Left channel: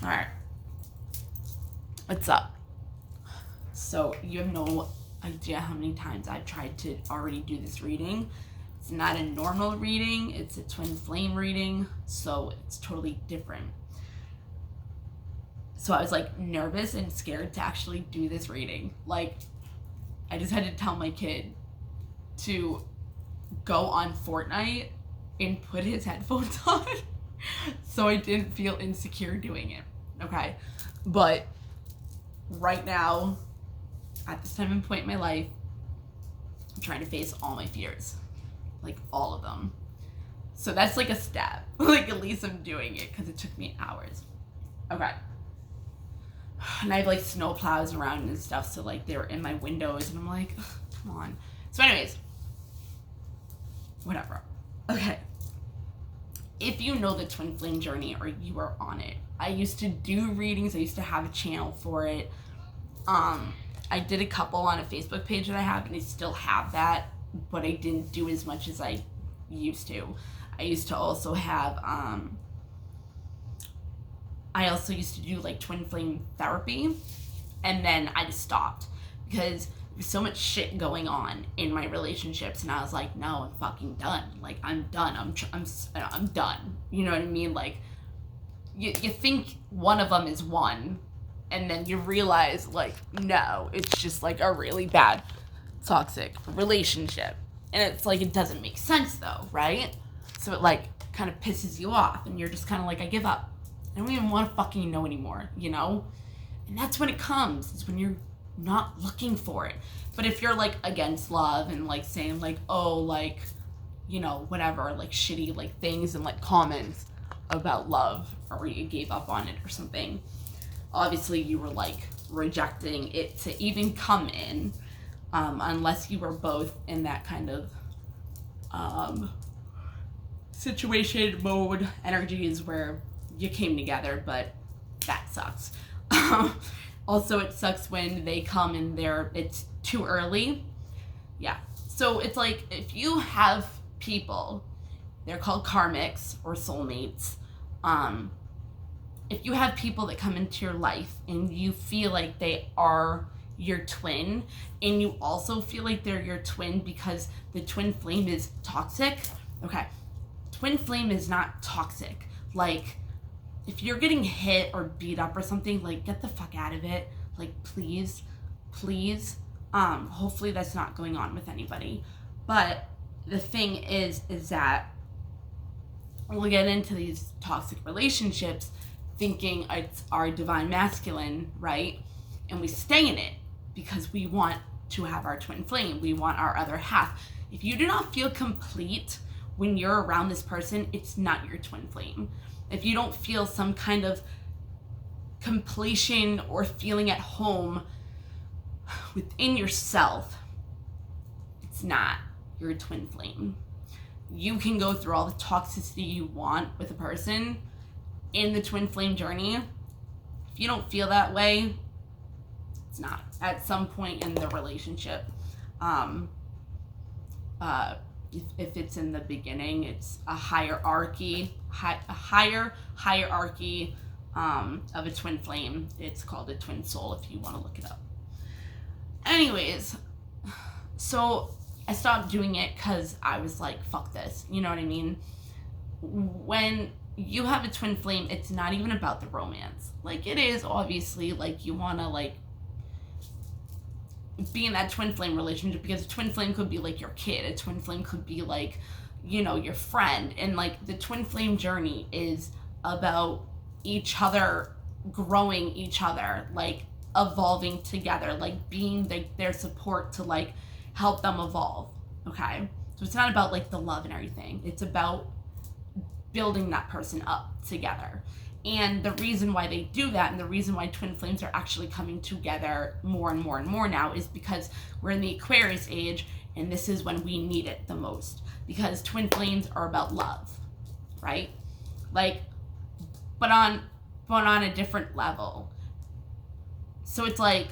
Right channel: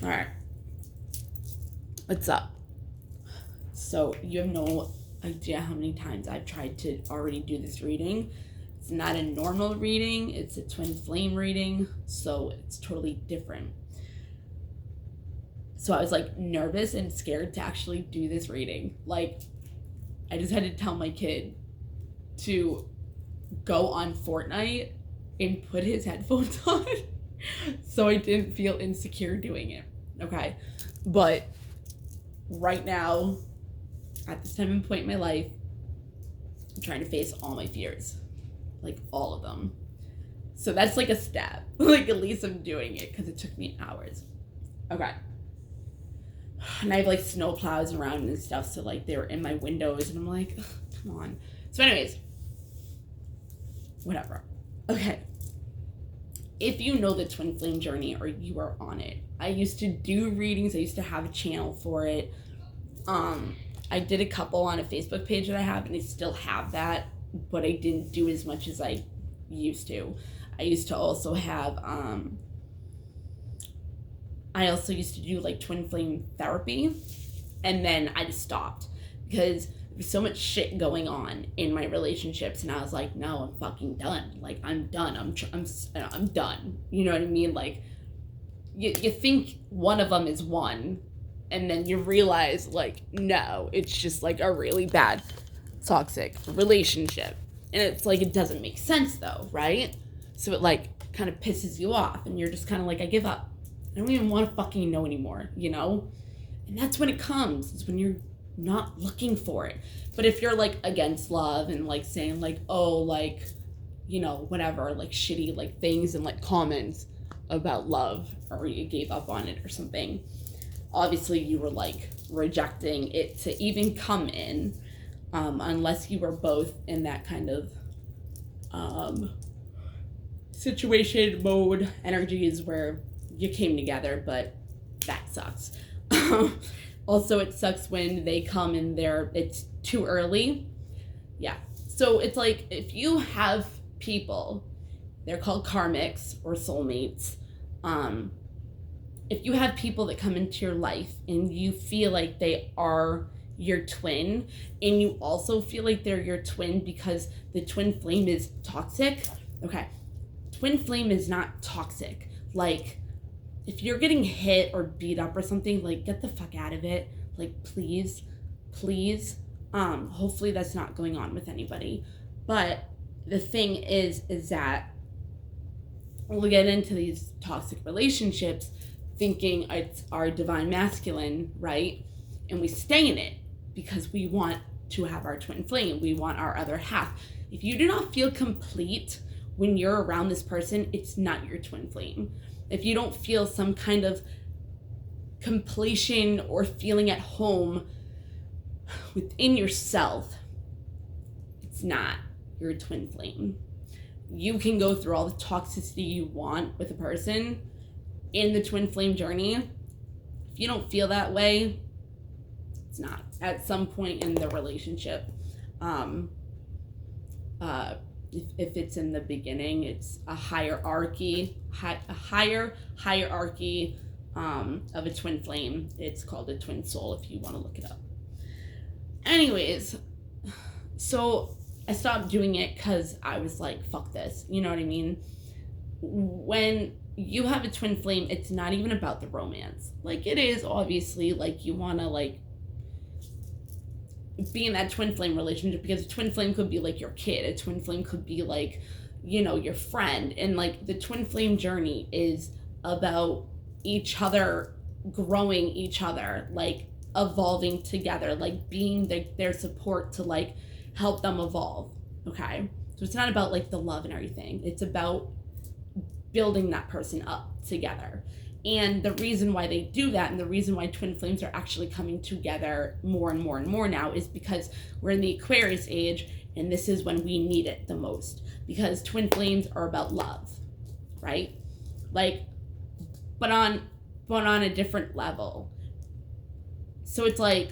All right. What's up? So you have no idea how many times I've tried to already do this reading. It's not a normal reading. It's a twin flame reading. So it's totally different. So I was like nervous and scared to actually do this reading. Like, I just had to tell my kid to go on Fortnite and put his headphones on so I didn't feel insecure doing it. Okay. But right now, at this time and point in my life, I'm trying to face all my fears. Like, all of them. So that's like a step. Like, at least I'm doing it because it took me hours. Okay. And I have like snow plows around and stuff, so like they're in my windows, and I'm like, come on. So anyways, whatever. Okay. If you know the twin flame journey or you are on it, I used to do readings. I used to have a channel for it. I did a couple on a Facebook page that I have, and I still have that, but I didn't do as much as I used to. I used to also have, I also used to do like twin flame therapy, and then I just stopped because there was so much shit going on in my relationships, and I was like, no, I'm fucking done. Like, I'm done. I'm done. You know what I mean? Like, you think one of them is one, and then you realize, like, no, it's just like a really bad toxic relationship. And it's like, it doesn't make sense though, right? So it like kind of pisses you off, and you're just kind of like, I give up. I don't even want to fucking know anymore, you know? And that's when it comes. It's when you're not looking for it. But if you're like against love and like saying like, oh, like, you know, whatever, like shitty like things and like comments about love, or you gave up on it or something, obviously you were like rejecting it to even come in, unless you were both in that kind of situation, mode, energies where you came together, but that sucks. Also, it sucks when they come and it's too early. Yeah. So it's like, if you have people, they're called karmics or soulmates. If you have people that come into your life and you feel like they are your twin, and you also feel like they're your twin because the twin flame is toxic. Okay. Twin flame is not toxic. Like, if you're getting hit or beat up or something, like, get the fuck out of it. Like, please. Hopefully that's not going on with anybody. But the thing is that we'll get into these toxic relationships thinking it's our divine masculine, right? And we stay in it because we want to have our twin flame. We want our other half. If you do not feel complete when you're around this person, it's not your twin flame. If you don't feel some kind of completion or feeling at home within yourself, it's not your twin flame. You can go through all the toxicity you want with a person in the twin flame journey. If you don't feel that way, it's not. At some point in the relationship, if it's in the beginning, it's a hierarchy of a twin flame. It's called a twin soul if you want to look it up. Anyways, so I stopped doing it because I was like, fuck this. You know what I mean? When you have a twin flame, it's not even about the romance. Like, it is obviously like you want to like be in that twin flame relationship, because a twin flame could be like your kid. A twin flame could be like, you know, your friend. And like, the twin flame journey is about each other, growing each other, like evolving together, like being their support to like help them evolve. Okay. So it's not about like the love and everything. It's about building that person up together. And the reason why they do that, and the reason why twin flames are actually coming together more and more and more now, is because we're in the Aquarius age, and this is when we need it the most. Because twin flames are about love, right? Like, but on a different level. So it's like,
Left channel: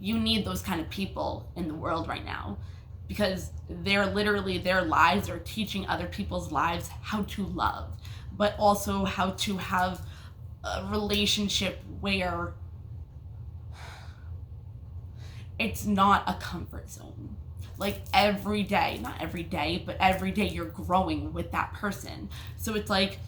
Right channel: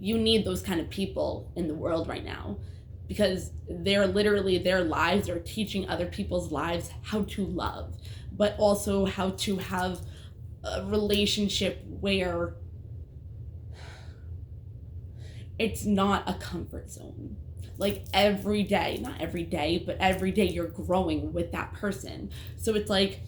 you need those kind of people in the world right now, because they're literally, their lives are teaching other people's lives how to love, but also how to have a relationship where it's not a comfort zone. Like every day, not every day, but every day you're growing with that person. So it's like,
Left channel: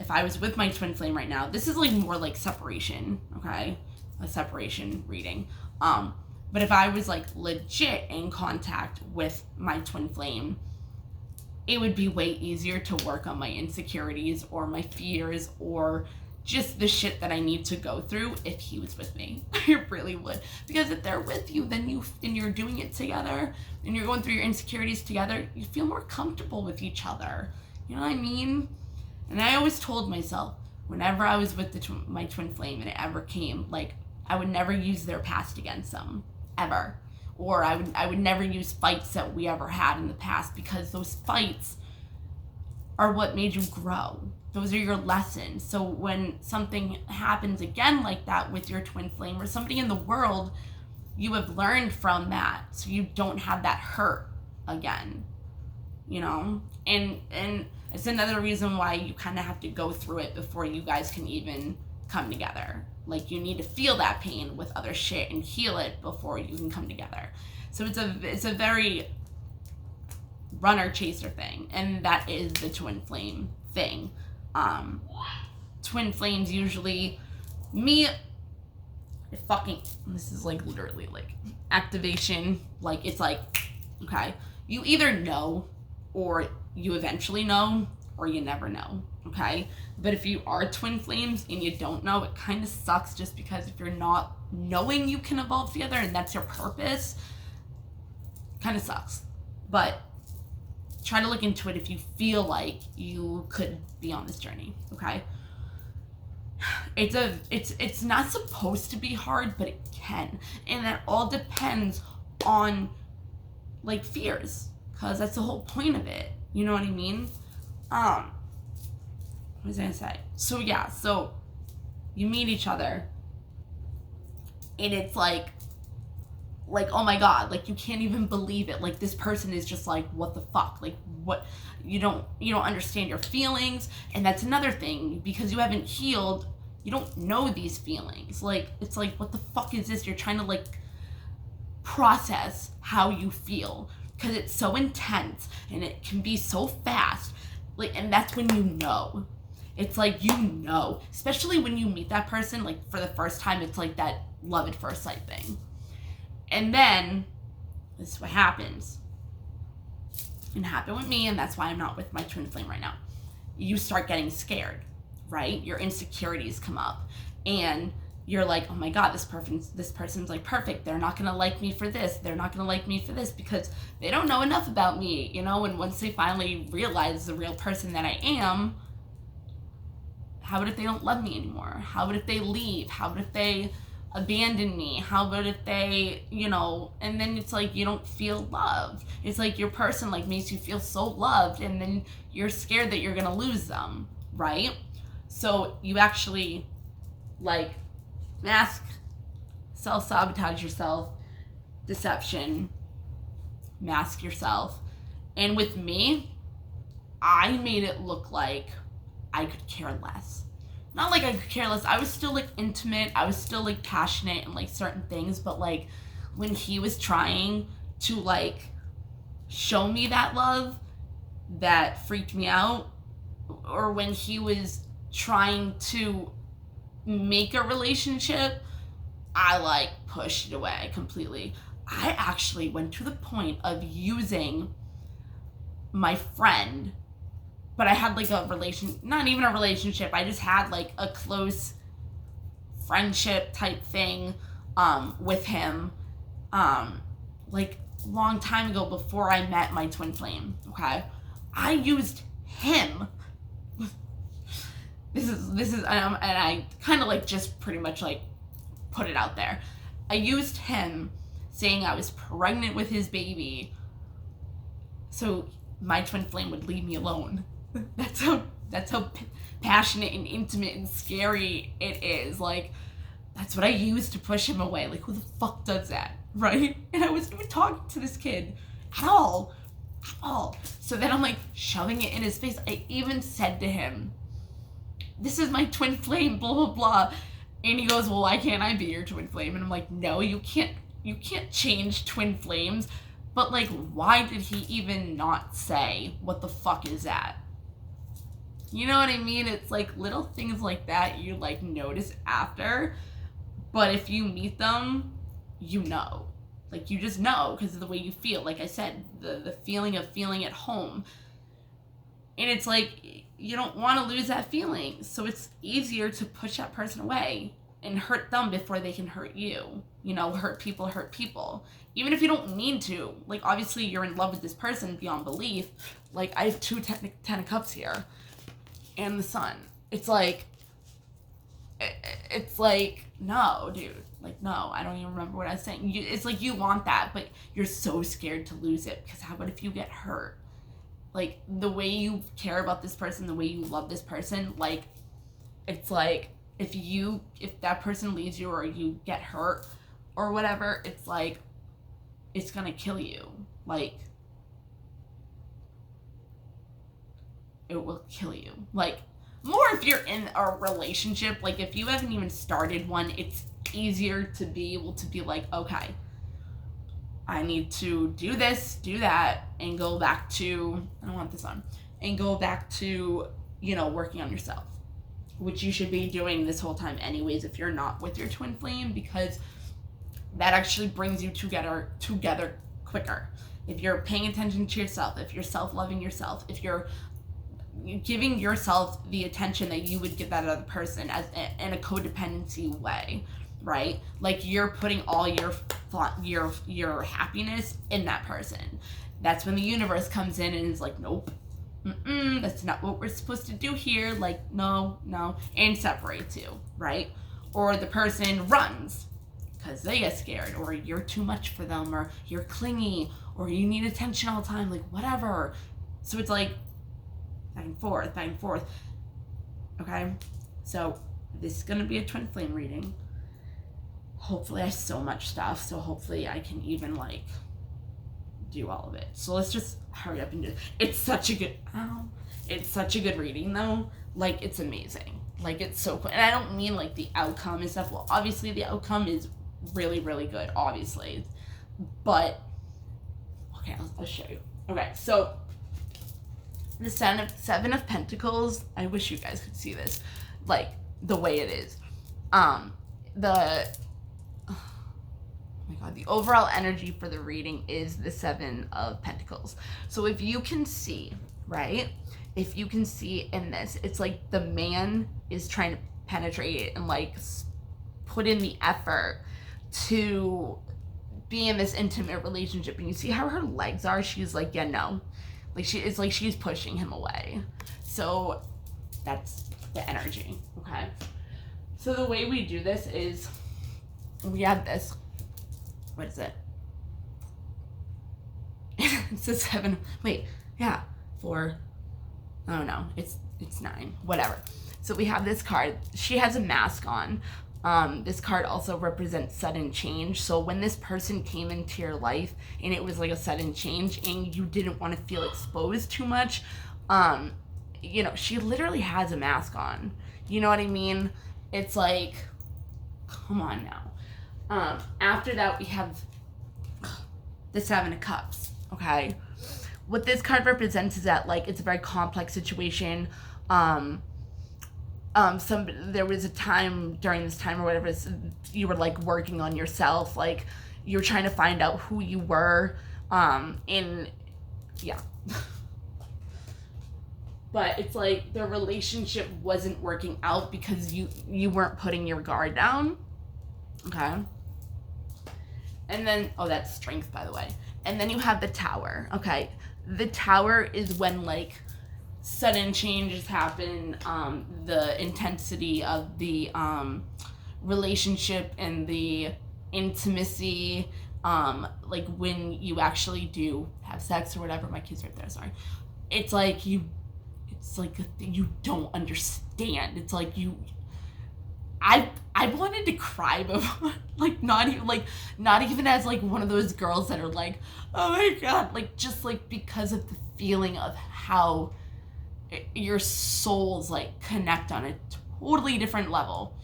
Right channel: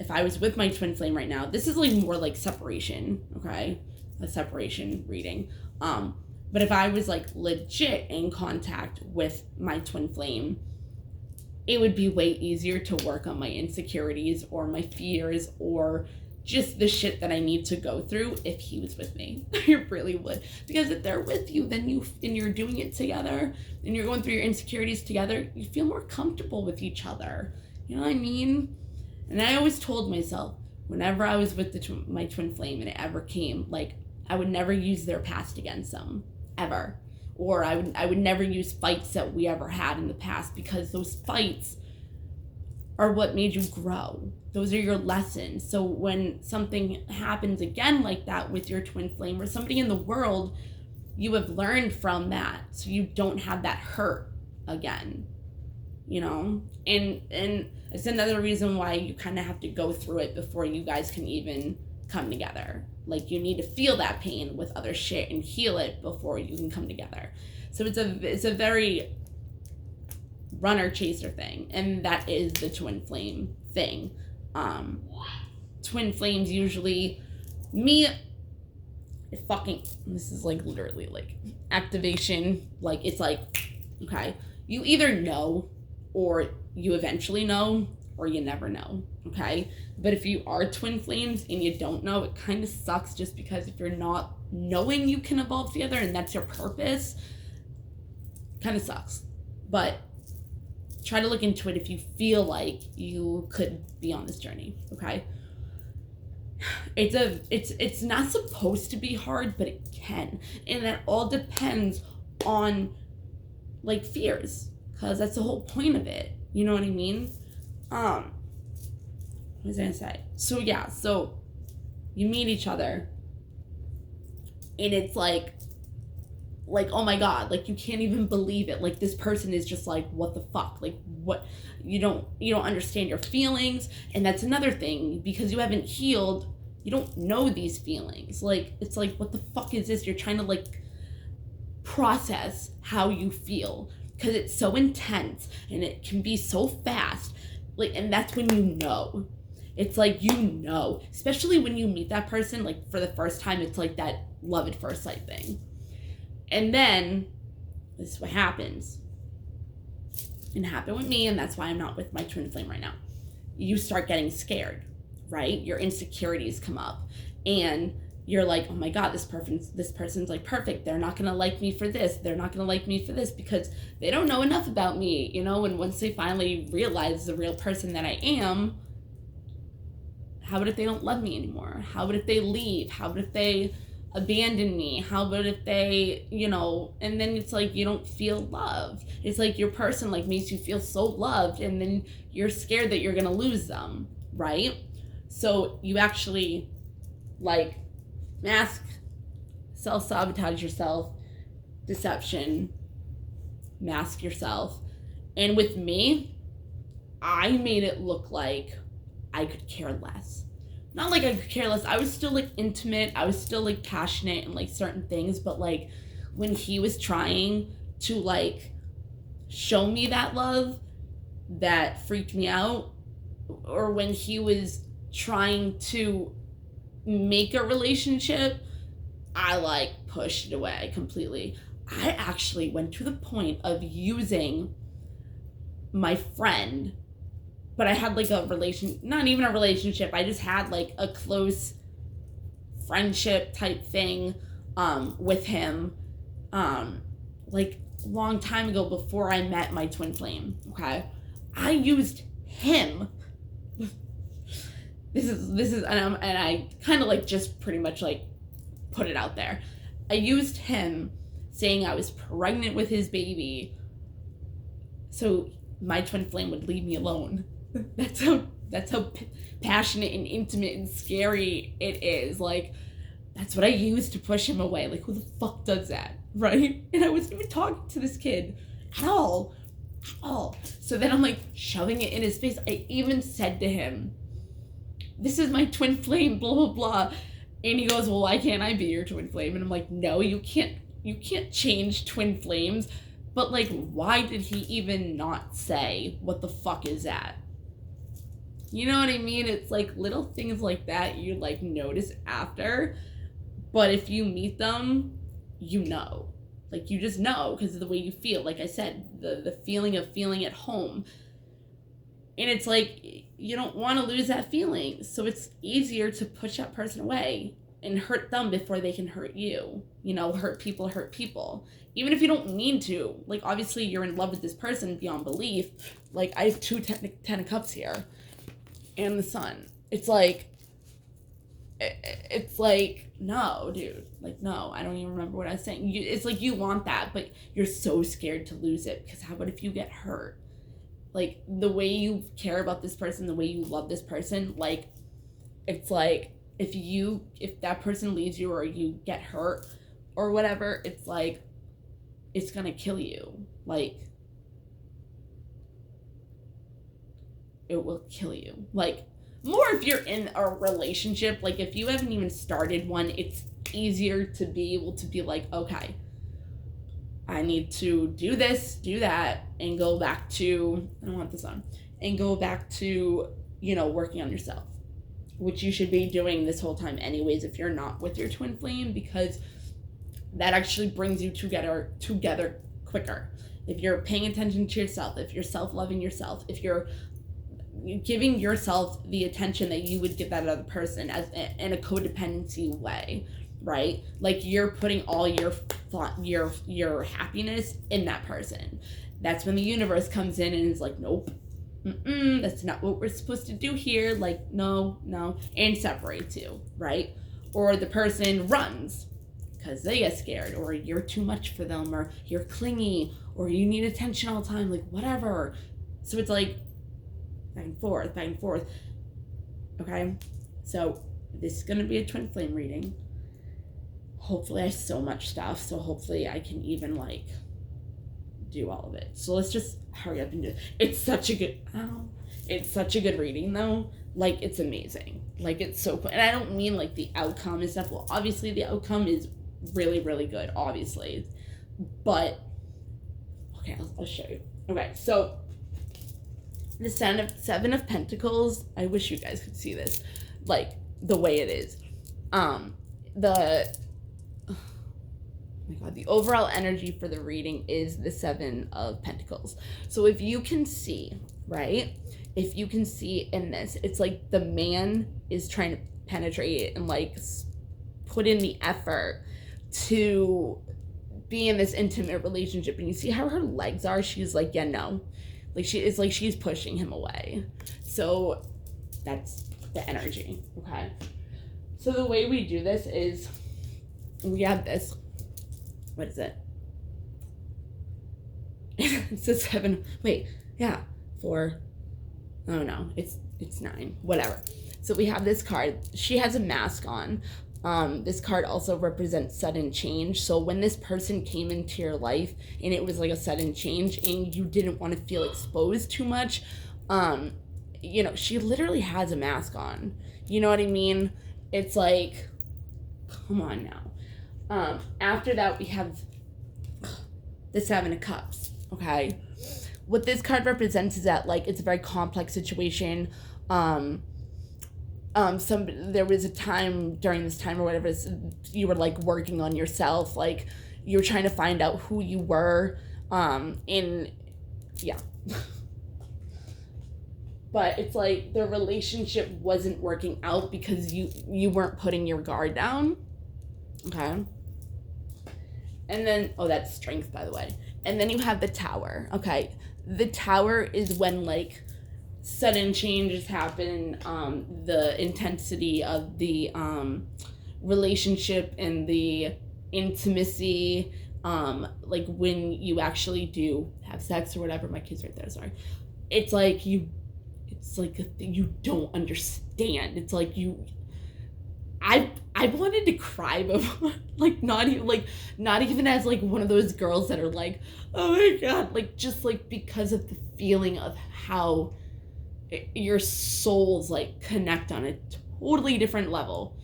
if I was with my twin flame right now, this is like more like separation, okay? A separation reading. But if I was like legit in contact with my twin flame, it would be way easier to work on my insecurities or my fears or just the shit that I need to go through if he was with me. It really would. Because if they're with you, then you're doing it together and you're going through your insecurities together, you feel more comfortable with each other. You know what I mean? And I always told myself, whenever I was with my twin flame and it ever came, like, I would never use their past against them, ever. Or I would never use fights that we ever had in the past, because those fights are what made you grow. Those are your lessons. So when something happens again like that with your twin flame or something in the world, you have learned from that, so you don't have that hurt again, you know? And it's another reason why you kind of have to go through it before you guys can even come together. Like, you need to feel that pain with other shit and heal it before you can come together. So it's a very runner chaser thing, and that is the twin flame thing. Twin flames usually this is like literally like activation. Like, it's like, okay, you either know, or you eventually know, or you never know, okay? But if you are twin flames and you don't know, it kind of sucks, just because if you're not knowing you can evolve together and that's your purpose, kind of sucks. But try to look into it if you feel like you could be on this journey, okay? It's not supposed to be hard, but it can. And that all depends on, like, fears, because that's the whole point of it. You know what I mean? What was I gonna say? So yeah, so you meet each other and it's like, oh my god, like, you can't even believe it. Like, this person is just like, what the fuck? Like, what? You don't understand your feelings. And that's another thing, because you haven't healed, you don't know these feelings. Like, it's like, what the fuck is this? You're trying to, like, process how you feel, because it's so intense and it can be so fast. Like, and that's when you know. It's like, you know, especially when you meet that person, like, for the first time, it's like that love at first sight thing. And then, this is what happens. It happened with me, and that's why I'm not with my twin flame right now. You start getting scared, right? Your insecurities come up, and you're like, oh my god, this person's like perfect. They're not gonna like me for this. They're not gonna like me for this, because they don't know enough about me, you know? And once they finally realize the real person that I am, how about if they don't love me anymore? How about if they leave? How about if they abandon me? How about if they, you know? And then it's like, you don't feel loved. It's like your person, like, makes you feel so loved, and then you're scared that you're gonna lose them, right? So you actually, like, mask, self-sabotage yourself, deception, mask yourself. And with me, I made it look like I could care less. Not like I could care less. I was still, like, intimate. I was still, like, passionate and, like, certain things. But, like, when he was trying to, like, show me that love, that freaked me out. Or when he was trying to make a relationship, I, like, pushed it away completely. I actually went to the point of using my friend, but I had, like, not even a relationship, I just had, like, a close friendship type thing with him, like, a long time ago, before I met my twin flame, okay? I used him. This is, and I kind of, like, just pretty much, like, put it out there. I used him saying I was pregnant with his baby, so my twin flame would leave me alone. That's how passionate and intimate and scary it is. Like, that's what I used to push him away. Like, who the fuck does that, right? And I wasn't even talking to this kid at all. So then I'm, like, shoving it in his face. I even said to him, this is my twin flame, blah, blah, blah. And he goes, well, why can't I be your twin flame? And I'm like, no, you can't change twin flames. But, like, why did he even not say, what the fuck is that? You know what I mean? It's, like, little things like that you, like, notice after. But if you meet them, you know. Like, you just know because of the way you feel. Like I said, the feeling of feeling at home. And it's like, you don't want to lose that feeling. So it's easier to push that person away and hurt them before they can hurt you. You know, hurt people. Even if you don't mean to. Like, obviously, you're in love with this person beyond belief. Like, I have two Ten of Cups here. And the Sun. It's like, no, dude. Like, no, I don't even remember what I was saying. It's like you want that, but you're so scared to lose it. Because how about if you get hurt? Like, the way you care about this person, the way you love this person, like, it's like, if that person leaves you or you get hurt or whatever, it's like, it's gonna kill you. Like, it will kill you. Like, more if you're in a relationship. Like, if you haven't even started one, it's easier to be able to be like, okay, I need to do this, do that, and go back to, I don't want this on, and go back to, you know, working on yourself, which you should be doing this whole time anyways if you're not with your twin flame, because that actually brings you together quicker. If you're paying attention to yourself, if you're self-loving yourself, if you're giving yourself the attention that you would give that other person as in a codependency way, right? Like, you're putting all your happiness in that person. That's when the universe comes in and is like, nope, that's not what we're supposed to do here. Like, no, and separates you, right? Or the person runs because they get scared, or you're too much for them, or you're clingy, or you need attention all the time, like, whatever. So it's like back and forth. Okay, so this is gonna be a twin flame reading. Hopefully I have so much stuff, so hopefully I can even, like, do all of it. So let's just hurry up and do it. It's such a good reading, though. Like, it's amazing. Like, it's so cool. And I don't mean, like, the outcome and stuff. Well, obviously the outcome is really, really good, obviously. But, okay, I'll show you. Okay, so the Seven of Pentacles, I wish you guys could see this, like, the way it is. The overall energy for the reading is the Seven of Pentacles. So if you can see, right? If you can see in this, it's like the man is trying to penetrate it and, like, put in the effort to be in this intimate relationship. And you see how her legs are? She's like, yeah, no. Like, she's pushing him away. So that's the energy, okay? So the way we do this is we have this, what is it? It's a 7, wait, yeah, 4, oh no, it's 9, whatever. So we have this card. She has a mask on. This card also represents sudden change. So when this person came into your life and it was like a sudden change and you didn't want to feel exposed too much, you know, she literally has a mask on. You know what I mean? It's like, come on now. After that, we have the Seven of Cups, okay? What this card represents is that, like, it's a very complex situation. There was a time during this time or whatever, you were, like, working on yourself, like, you were trying to find out who you were, yeah. But it's like the relationship wasn't working out because you weren't putting your guard down, okay? And then, oh, that's Strength, by the way. And then you have the Tower, okay? The Tower is when, like, sudden changes happen, the intensity of the relationship and the intimacy, like when you actually do have sex or whatever. My kid's right there, sorry. It's like a thing you don't understand. It's like I wanted to cry before, like, not even as, like, one of those girls that are like, oh my god, like, just, like, because of the feeling of how your souls like connect on a totally different level.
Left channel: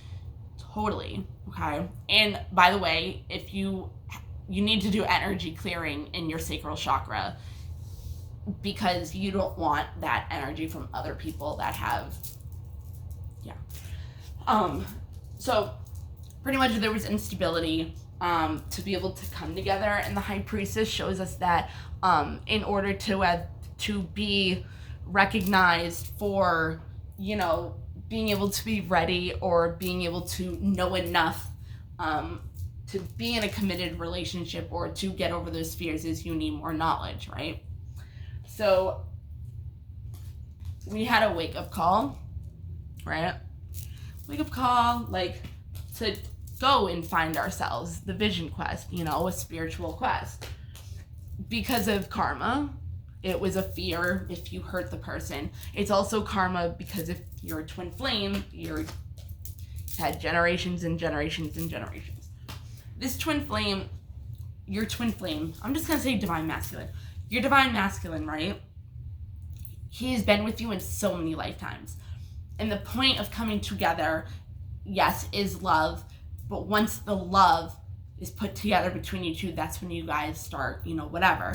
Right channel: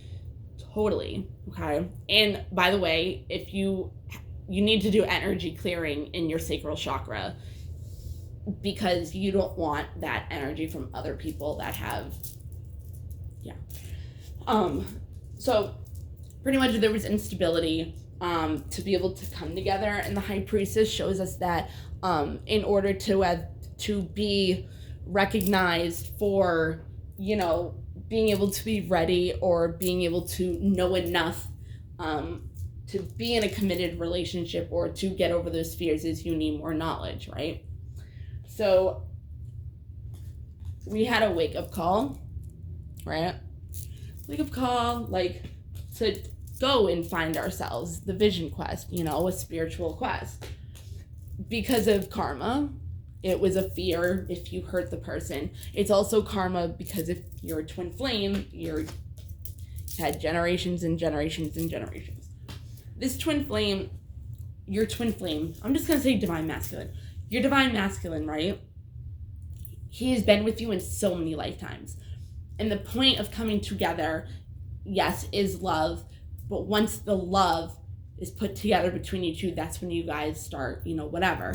Totally. Okay. And by the way, if you need to do energy clearing in your sacral chakra, because you don't want that energy from other people that have, yeah. So pretty much there was instability to be able to come together, and the High Priestess shows us that in order to be recognized for, you know, being able to be ready or being able to know enough to be in a committed relationship or to get over those fears, is you need more knowledge, right? So we had a wake-up call, right? Wake-up call, like, to go and find ourselves, the vision quest, you know, a spiritual quest. Because of karma, it was a fear if you hurt the person. It's also karma because if you're a twin flame, you're had generations and generations and generations. This twin flame, your twin flame, I'm just gonna say divine masculine. Your divine masculine, right? He has been with you in so many lifetimes. And the point of coming together, yes, is love. But once the love is put together between you two, that's when you guys start, you know, whatever.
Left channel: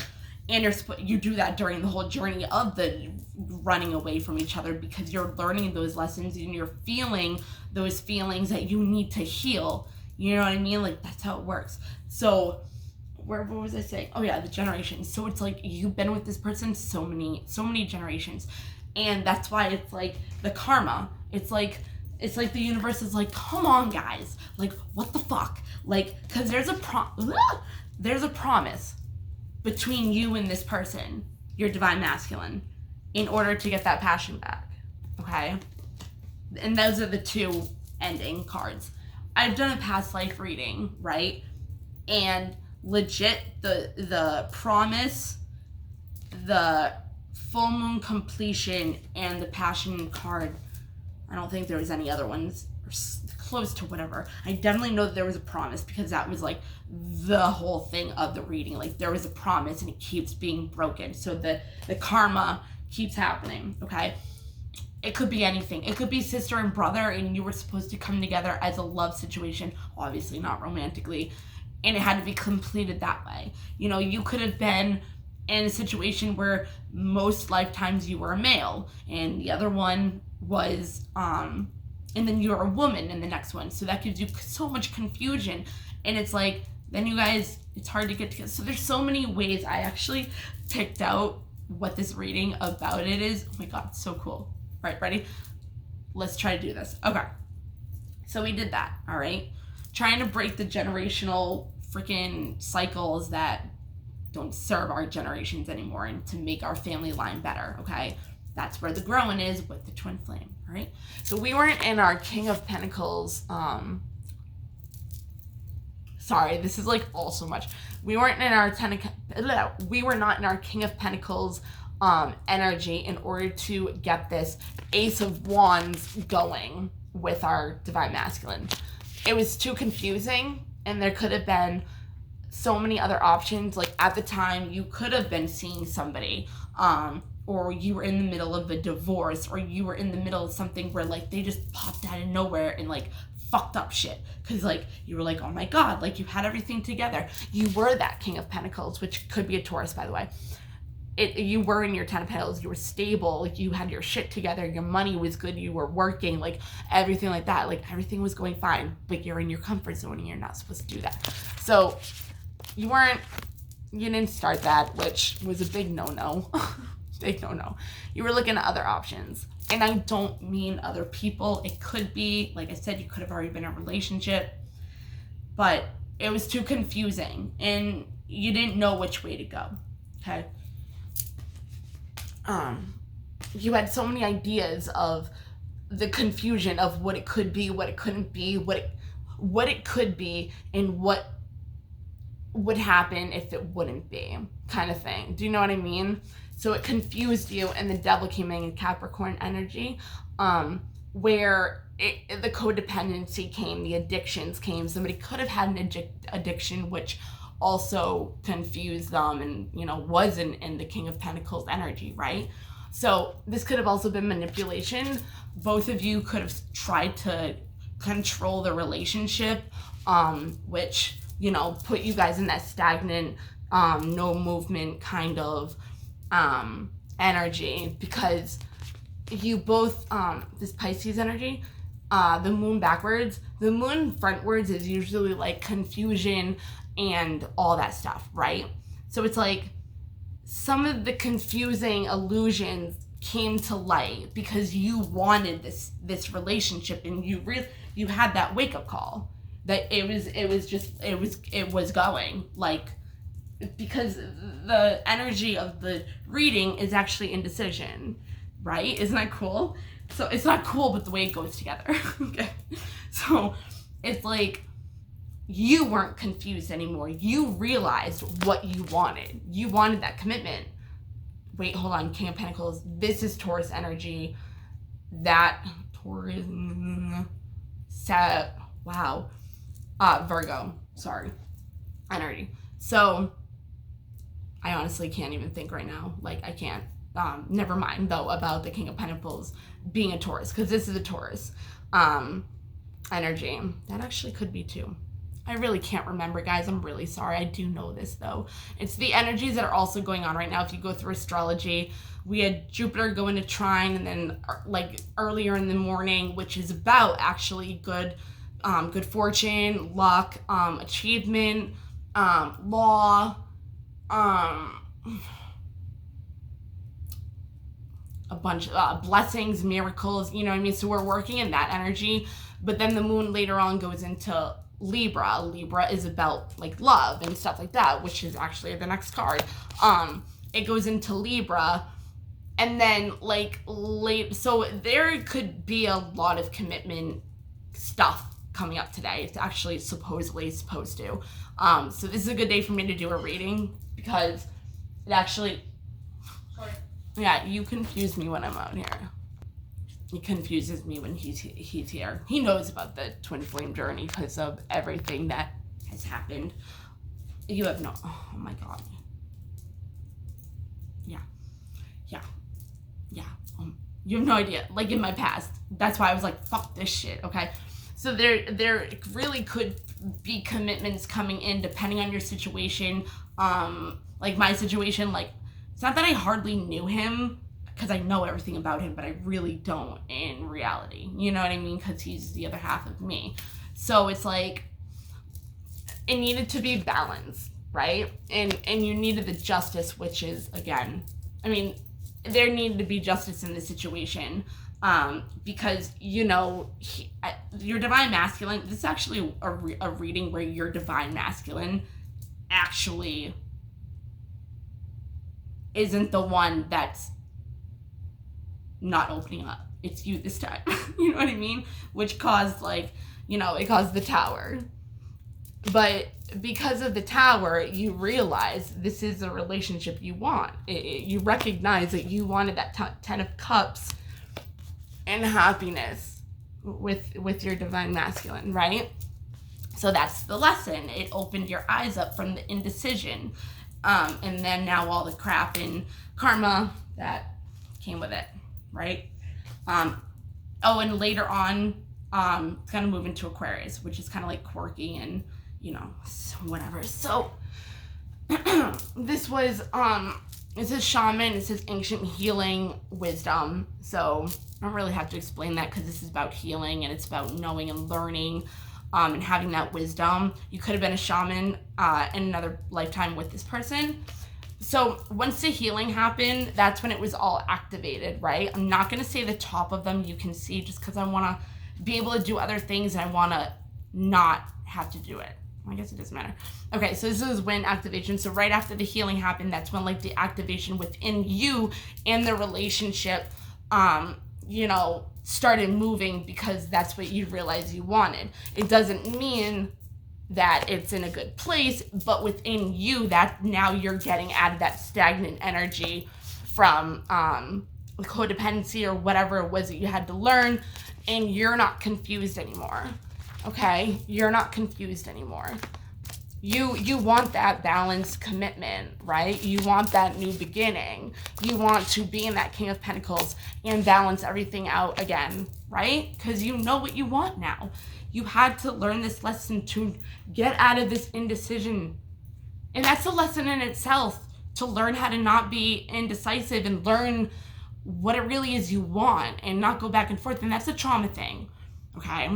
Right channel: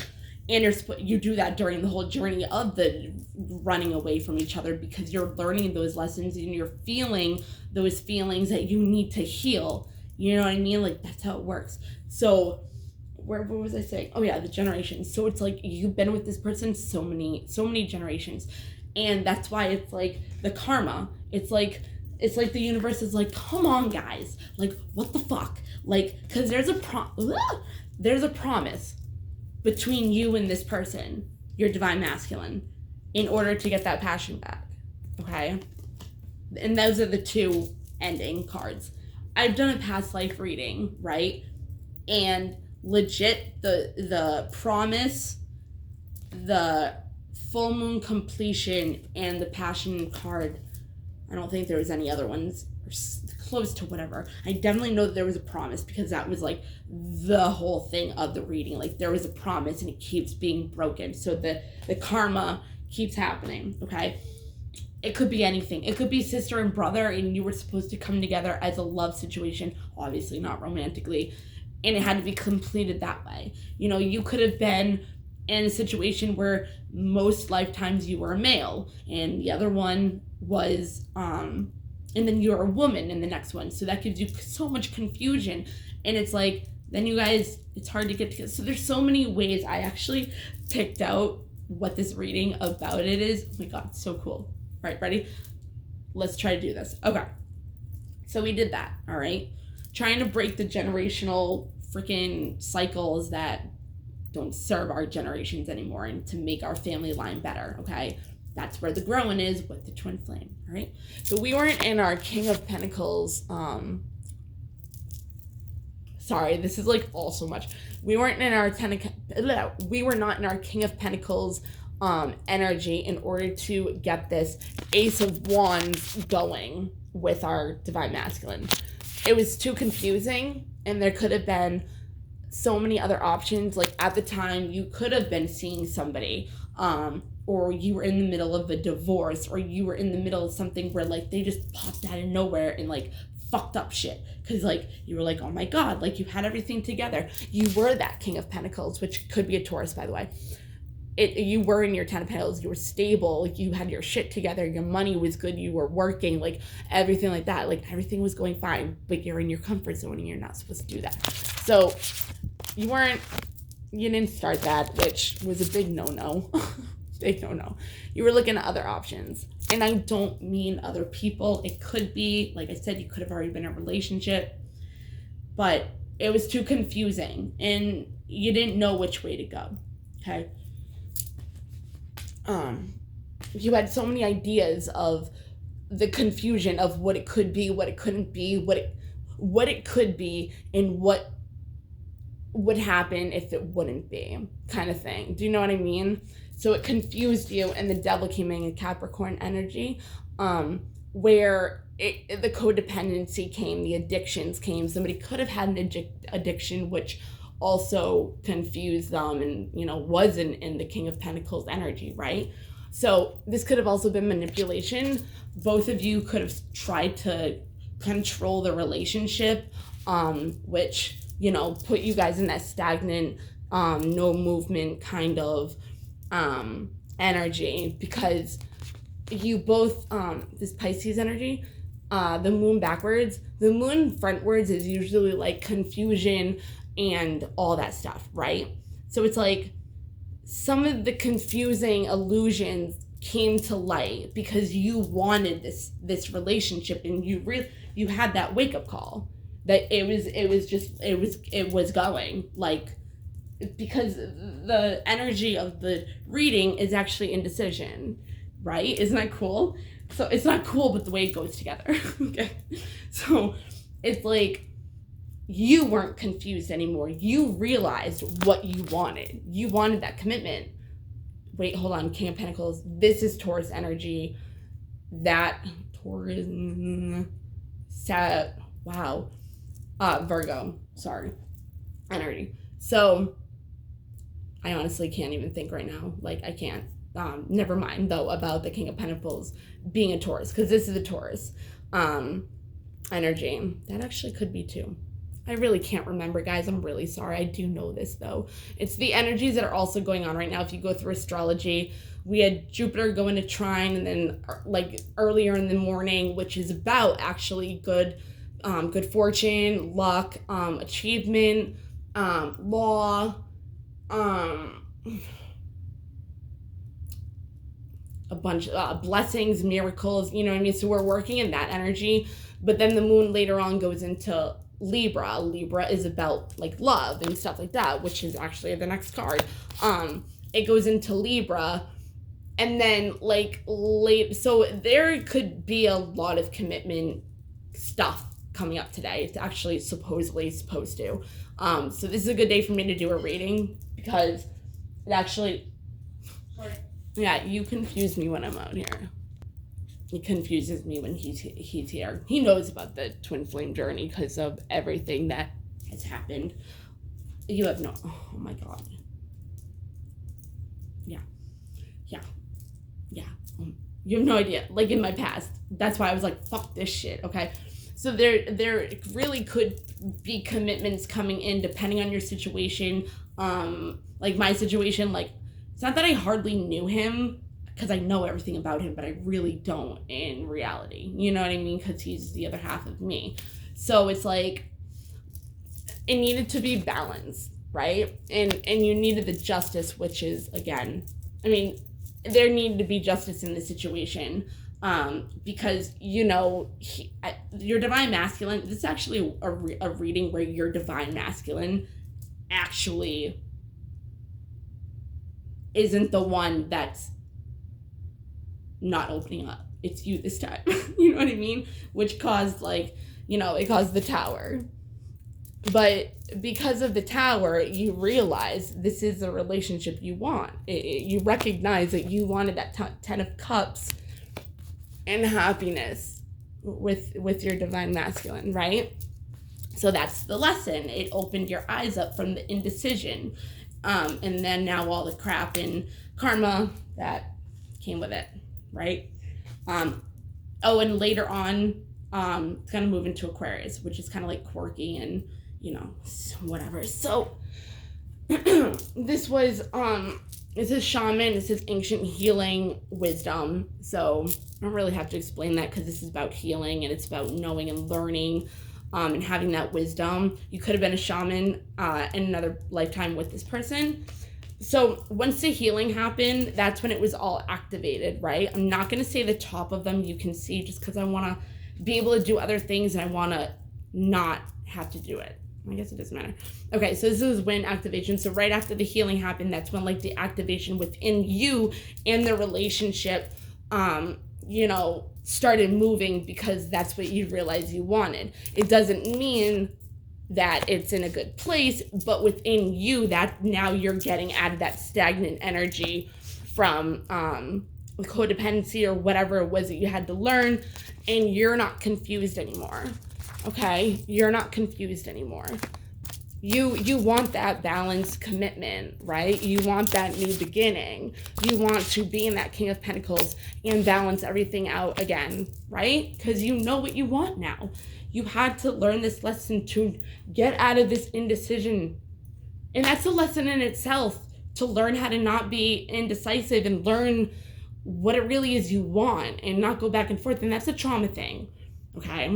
And you do that during the whole journey of the running away from each other, because you're learning those lessons and you're feeling those feelings that you need to heal. You know what I mean? Like, that's how it works. So what was I saying? Oh yeah, the generations. So it's like you've been with this person so many generations. And that's why it's like the karma. It's like the universe is like, come on guys, like, what the fuck? Like, because there's a promise between you and this person, your divine masculine, in order to get that passion back. Okay? And those are the two ending cards. I've done a past life reading, right? And legit, the promise, the full moon completion, and the passion card, I don't think there was any other ones close to whatever. I definitely know that there was a promise, because that was like the whole thing of the reading. Like, there was a promise and it keeps being broken. So the karma keeps happening, okay? It could be anything. It could be sister and brother, and you were supposed to come together as a love situation, obviously not romantically, and it had to be completed that way. You know, you could have been in a situation where most lifetimes you were a male, and the other one was, and then you're a woman in the next one. So that gives you so much confusion. And it's like, then you guys, it's hard to get together. So there's so many ways. I actually picked out what this reading about it is. Oh my God, so cool. All right, ready? Let's try to do this. Okay. So we did that, all right? Trying to break the generational freaking cycles that don't serve our generations anymore, and to make our family line better, okay? That's where the growing is with the twin flame, all right? So we weren't in our King of Pentacles, sorry, this is like all so much. We weren't in our we were not in our King of Pentacles energy in order to get this Ace of Wands going with our divine masculine. It was too confusing, and there could have been so many other options. Like, at the time, you could have been seeing somebody, or you were in the middle of a divorce, or you were in the middle of something where, like, they just popped out of nowhere and, like, fucked up shit. Because, like, you were like, oh my God, like, you had everything together. You were that King of Pentacles, which could be a Taurus, by the way. You were in your 10 of Pentacles, you were stable, like, you had your shit together, your money was good, you were working, like, everything like that, like, everything was going fine, but you're in your comfort zone and you're not supposed to do that. So you didn't start that, which was a big no-no. Big no-no. You were looking at other options. And I don't mean other people. It could be, like I said, you could have already been in a relationship, but it was too confusing and you didn't know which way to go, okay? You had so many ideas of the confusion of what it could be, what it couldn't be, what it could be, and what would happen if it wouldn't be, kind of thing. Do you know what I mean? So it confused you, and the devil came in Capricorn energy, where the codependency came, the addictions came. Somebody could have had an addiction, which also confused them, and, you know, wasn't in the King of Pentacles energy, right? So this could have also been manipulation. Both of you could have tried to control the relationship, which, you know, put you guys in that stagnant, no movement kind of energy, because you both, this Pisces energy, the moon backwards, the moon frontwards is usually like confusion and all that stuff, right? So it's like some of the confusing illusions came to light because you wanted this relationship, and you had that wake up call that it was going, like, because the energy of the reading is actually indecision, right? Isn't that cool? So it's not cool, but the way it goes together. Okay, so it's like you weren't confused anymore. You realized what you wanted. You wanted that commitment. Wait, hold on. King of Pentacles. This is Taurus energy. That Taurus. Wow. Virgo. Sorry. Energy. So I honestly can't even think right now. Like, I can't. Never mind though about the King of Pentacles being a Taurus, because this is a Taurus energy. That actually could be too. I really can't remember, guys. I'm really sorry. I do know this though. It's the energies that are also going on right now. If you go through astrology, we had Jupiter go into trine, and then like earlier in the morning, which is about actually good fortune, luck, achievement, law, a bunch of blessings, miracles, you know what I mean? So we're working in that energy, but then the moon later on goes into Libra. Libra is about like love and stuff like that, which is actually the next card. It goes into Libra, and then like so there could be a lot of commitment stuff coming up today. It's actually supposedly supposed to. So this is a good day for me to do a reading, because it actually, yeah, you confuse me when I'm out here. He confuses me when he's here. He knows about the twin flame journey because of everything that has happened. You have no, oh my God. Yeah. You have no idea. Like in my past, that's why I was like, fuck this shit. Okay. So there really could be commitments coming in depending on your situation. Like my situation, like, it's not that I hardly knew him, because I know everything about him, but I really don't in reality. You know what I mean? Because he's the other half of me. So it's like, it needed to be balanced, right? And you needed the justice, which is, again, I mean, there needed to be justice in the situation, because, you know, your divine masculine, this is actually a reading where your divine masculine actually isn't the one that's not opening up. It's you this time. You know what I mean? Which caused, like, you know, it caused the Tower. But because of the Tower, you realize this is a relationship you want. You recognize that you wanted that 10 of Cups and happiness with your divine masculine, right? So that's the lesson. It opened your eyes up from the indecision. And then now all the crap and karma that came with it, right? Oh, and later on, it's gonna move into Aquarius, which is kind of like quirky and, you know, whatever. So this was this is shaman, this is ancient healing wisdom. So I don't really have to explain that, because this is about healing and it's about knowing and learning, and having that wisdom. You could have been a shaman in another lifetime with this person. So once the healing happened, that's when it was all activated, right? I'm not going to say the top of them you can see, just because I want to be able to do other things and I want to not have to do it. I guess it doesn't matter. Okay, so this is when activation. So right after the healing happened, that's when like the activation within you and the relationship, you know, started moving, because that's what you realized you wanted. It doesn't mean that it's in a good place, but within you, that now you're getting out of that stagnant energy from codependency or whatever it was that you had to learn, and you're not confused anymore. Okay, you're not confused anymore. You want that balanced commitment, right? You want that new beginning. You want to be in that King of Pentacles and balance everything out again, right? Because you know what you want now. You had to learn this lesson to get out of this indecision. And that's a lesson in itself, to learn how to not be indecisive and learn what it really is you want and not go back and forth. And that's a trauma thing, okay?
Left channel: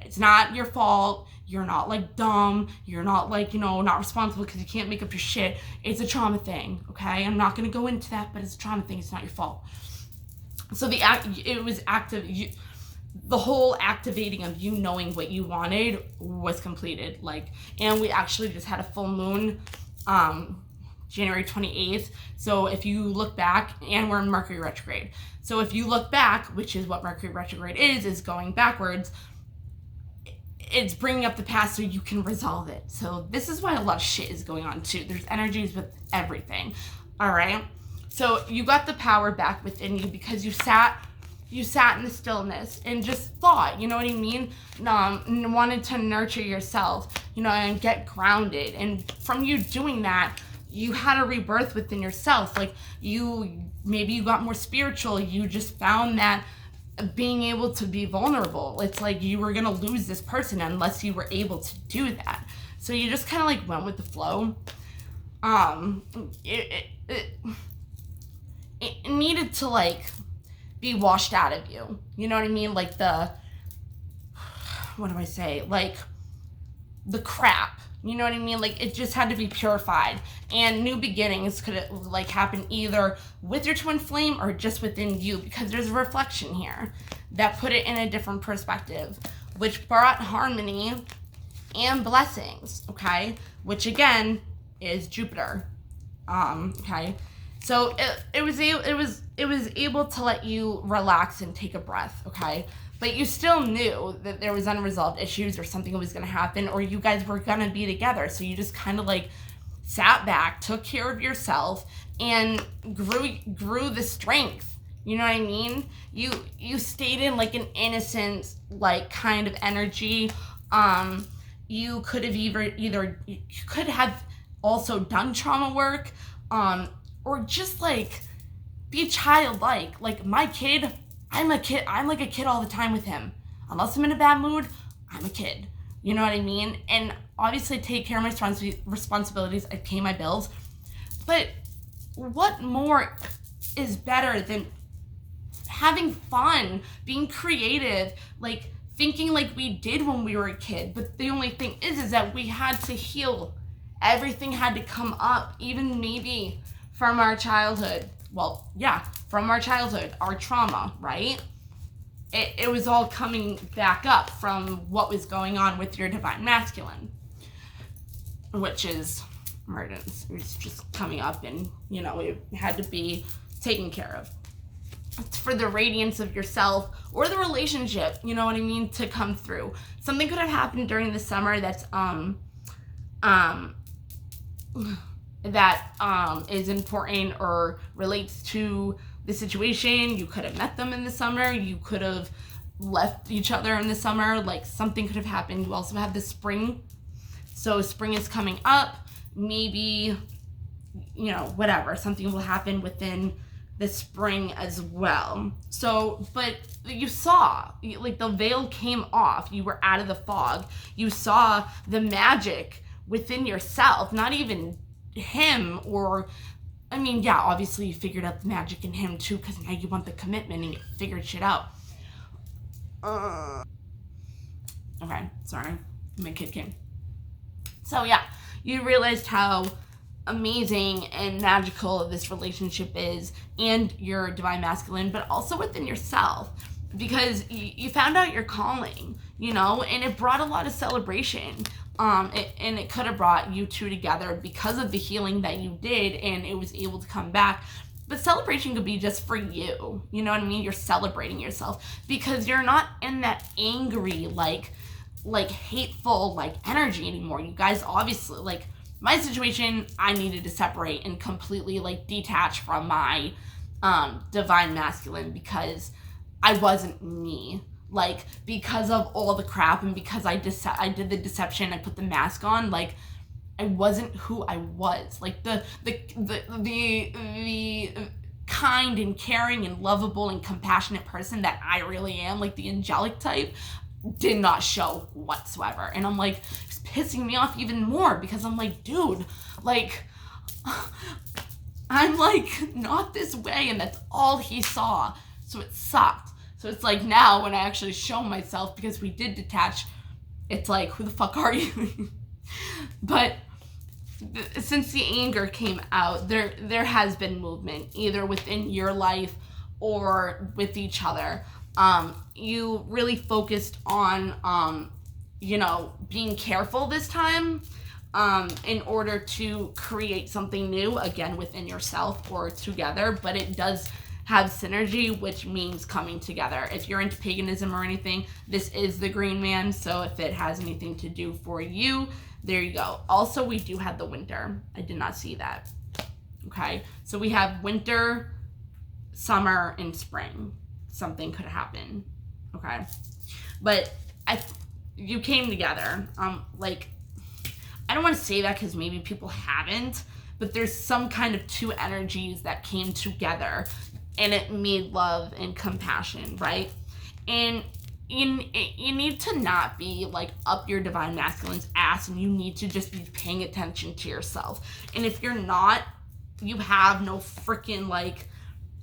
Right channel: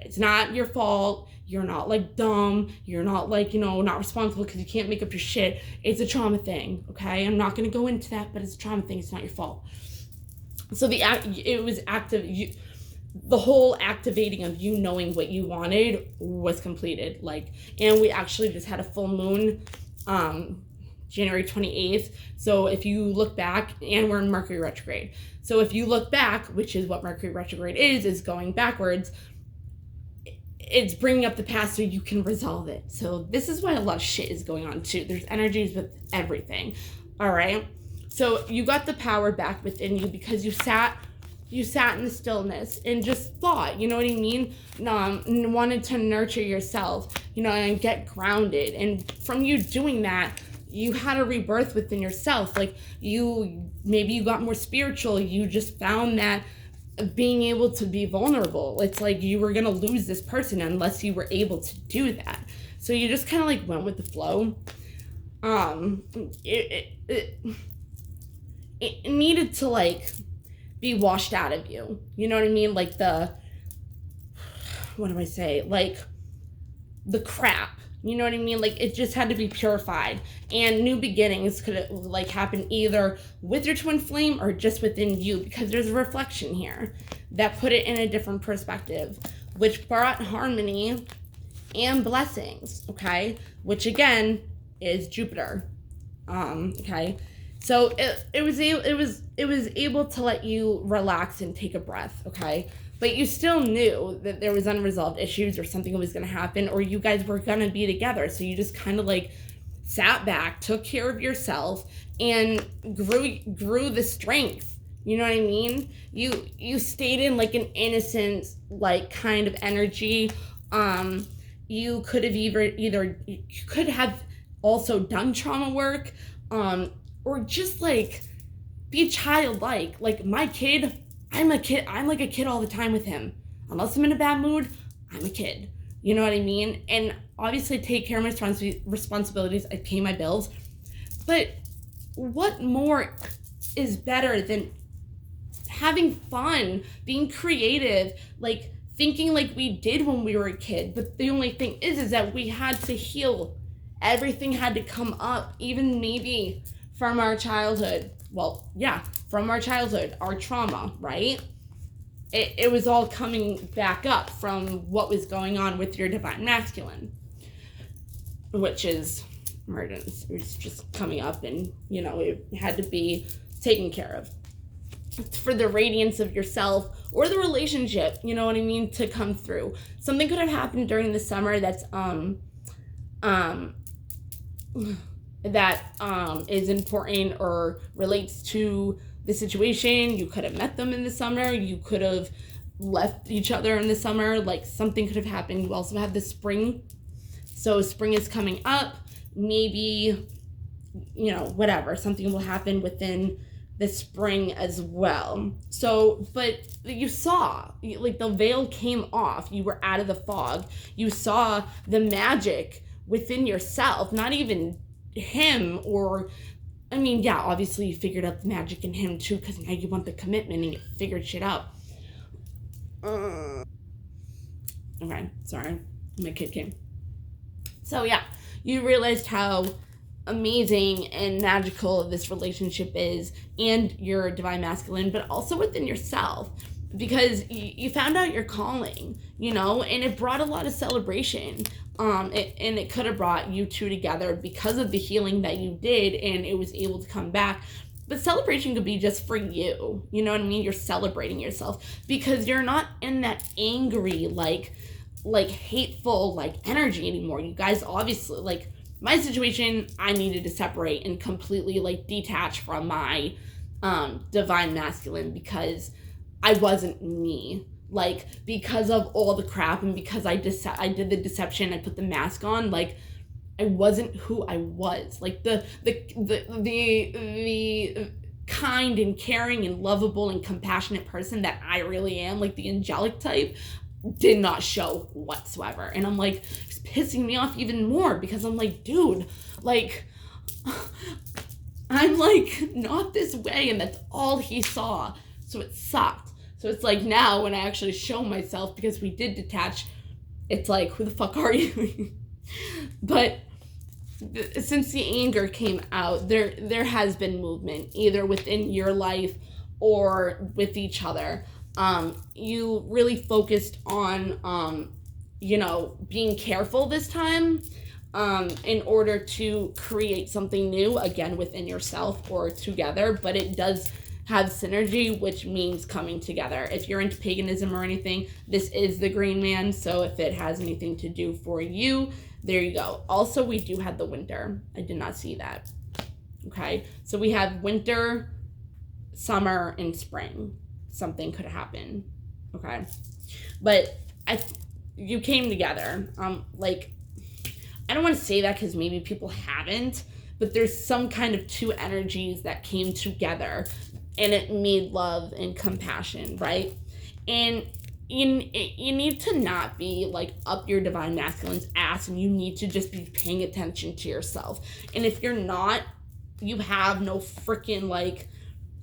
It's not your fault. You're not like dumb. You're not like, not responsible because you can't make up your shit. It's a trauma thing, okay? I'm not going to go into that, but it's a trauma thing. It's not your fault. So it was active. The whole activating of you knowing what you wanted was completed. And we actually just had a full moon, January 28th. So if you look back, and we're in Mercury retrograde. So if you look back, which is what Mercury retrograde is going backwards, it's bringing up the past so you can resolve it. So this is why a lot of shit is going on too. There's energies with everything. All right. So you got the power back within you because you sat in the stillness and just thought, you know what I mean? Wanted to nurture yourself, and get grounded. And from you doing that, you had a rebirth within yourself. Maybe you got more spiritual. You just found that being able to be vulnerable, it's like you were gonna lose this person unless you were able to do that. So you just kind of went with the flow. It needed to be washed out of you. You know what I mean? What do I say? The crap. You know what I mean? It just had to be purified. And new beginnings could happen either with your twin flame or just within you, because there's a reflection here that put it in a different perspective, which brought harmony and blessings, okay? Which again is Jupiter. Okay. So it was able to let you relax and take a breath, okay? But you still knew that there was unresolved issues or something was going to happen, or you guys were going to be together. So you just kind of sat back, took care of yourself, and grew the strength. You know what I mean? You stayed in an innocent kind of energy. You could have either you could have also done trauma work, or just be childlike. My kid, I'm a kid. I'm like a kid all the time with him. Unless I'm in a bad mood, I'm a kid. You know what I mean? And obviously take care of my responsibilities. I pay my bills. But what more is better than having fun, being creative, thinking like we did when we were a kid? But the only thing is that we had to heal. Everything had to come up, even maybe from our childhood. Well, yeah, from our childhood, our trauma, right? It was all coming back up from what was going on with your divine masculine, which is emergence. It was just coming up, and it had to be taken care of. It's for the radiance of yourself or the relationship, you know what I mean, to come through. Something could have happened during the summer that's is important or relates to the situation. You could have met them in the summer. You could have left each other in the summer. Something could have happened. You also have the spring. So spring is coming up. Maybe, whatever. Something will happen within the spring as well. So, but you saw, the veil came off. You were out of the fog. You saw the magic within yourself, not even him, or obviously you figured out the magic in him too, because now you want the commitment and you figured shit out. Okay, sorry, my kid came. So yeah, you realized how amazing and magical this relationship is, and your divine masculine, but also within yourself, because you found out your calling, and it brought a lot of celebration. And it could have brought you two together because of the healing that you did, and it was able to come back. But celebration could be just for you. You know what I mean? You're celebrating yourself because you're not in that angry, hateful, energy anymore. You guys obviously, my situation, I needed to separate and completely, detach from my divine masculine, because I wasn't me. Because of all the crap, and because I did the deception, I put the mask on, I wasn't who I was. Like the kind and caring and lovable and compassionate person that I really am, like the angelic type, did not show whatsoever. And I'm like, it's pissing me off even more because I'm like, dude, like, I'm like not this way, and that's all he saw. So it sucked. So it's like now when I actually show myself, because we did detach, it's like, who the fuck are you? But since the anger came out, there has been movement either within your life or with each other. You really focused on being careful this time, in order to create something new again within yourself or together. But it does have synergy, which means coming together. If you're into paganism or anything, this is the Green Man. So if it has anything to do for you, there you go. Also, we do have the winter. I did not see that. Okay, so we have winter, summer, and spring. Something could happen. Okay, but you came together. Like, I don't want to say that because maybe people haven't, but there's some kind of two energies that came together, and it made love and compassion, right? And you need to not be like up your divine masculine's ass, and you need to just be paying attention to yourself. And if you're not, you have no freaking like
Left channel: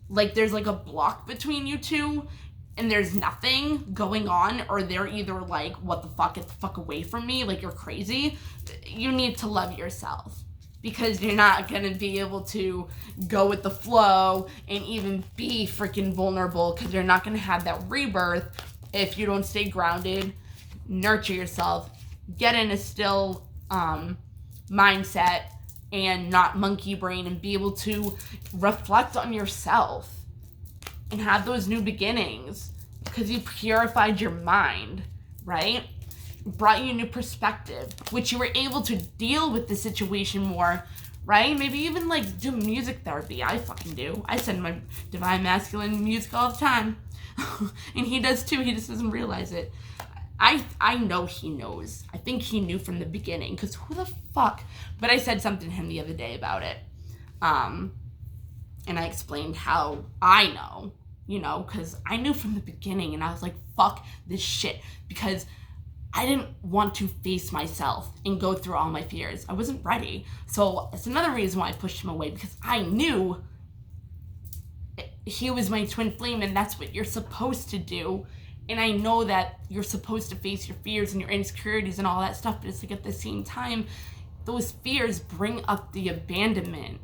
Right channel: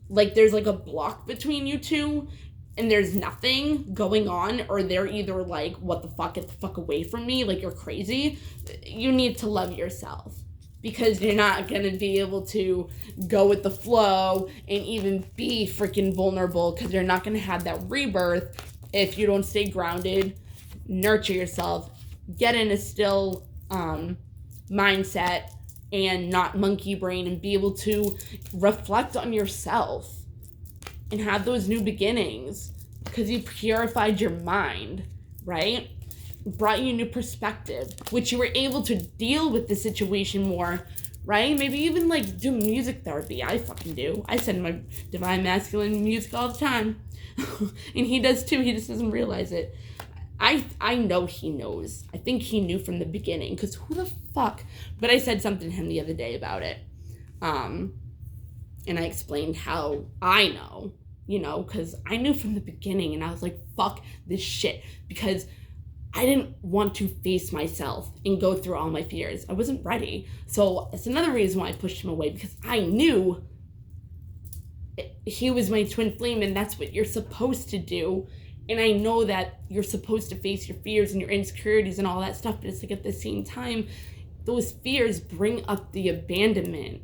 there's like a block between you two, and there's nothing going on, or they're either like, what the fuck, get the fuck away from me, like you're crazy. You need to love yourself, because you're not gonna be able to go with the flow and even be freaking vulnerable, because you're not gonna have that rebirth if you don't stay grounded, nurture yourself, get in a still mindset and not monkey brain, and be able to reflect on yourself and have those new beginnings, because you purified your mind, right? Brought you a new perspective, which you were able to deal with the situation more, right? Maybe even like do music therapy. I fucking do. I send my divine masculine music all the time. And he does too. He just doesn't realize it. I know he knows. I think he knew from the beginning, because who the fuck? But I said something to him the other day about it. And I explained how I know, because I knew from the beginning, and I was like, fuck this shit, because I didn't want to face myself and go through all my fears. I wasn't ready. So it's another reason why I pushed him away, because I knew he was my twin flame, and that's what you're supposed to do. And I know that you're supposed to face your fears and your insecurities and all that stuff, but it's like at the same time, those fears bring up the abandonment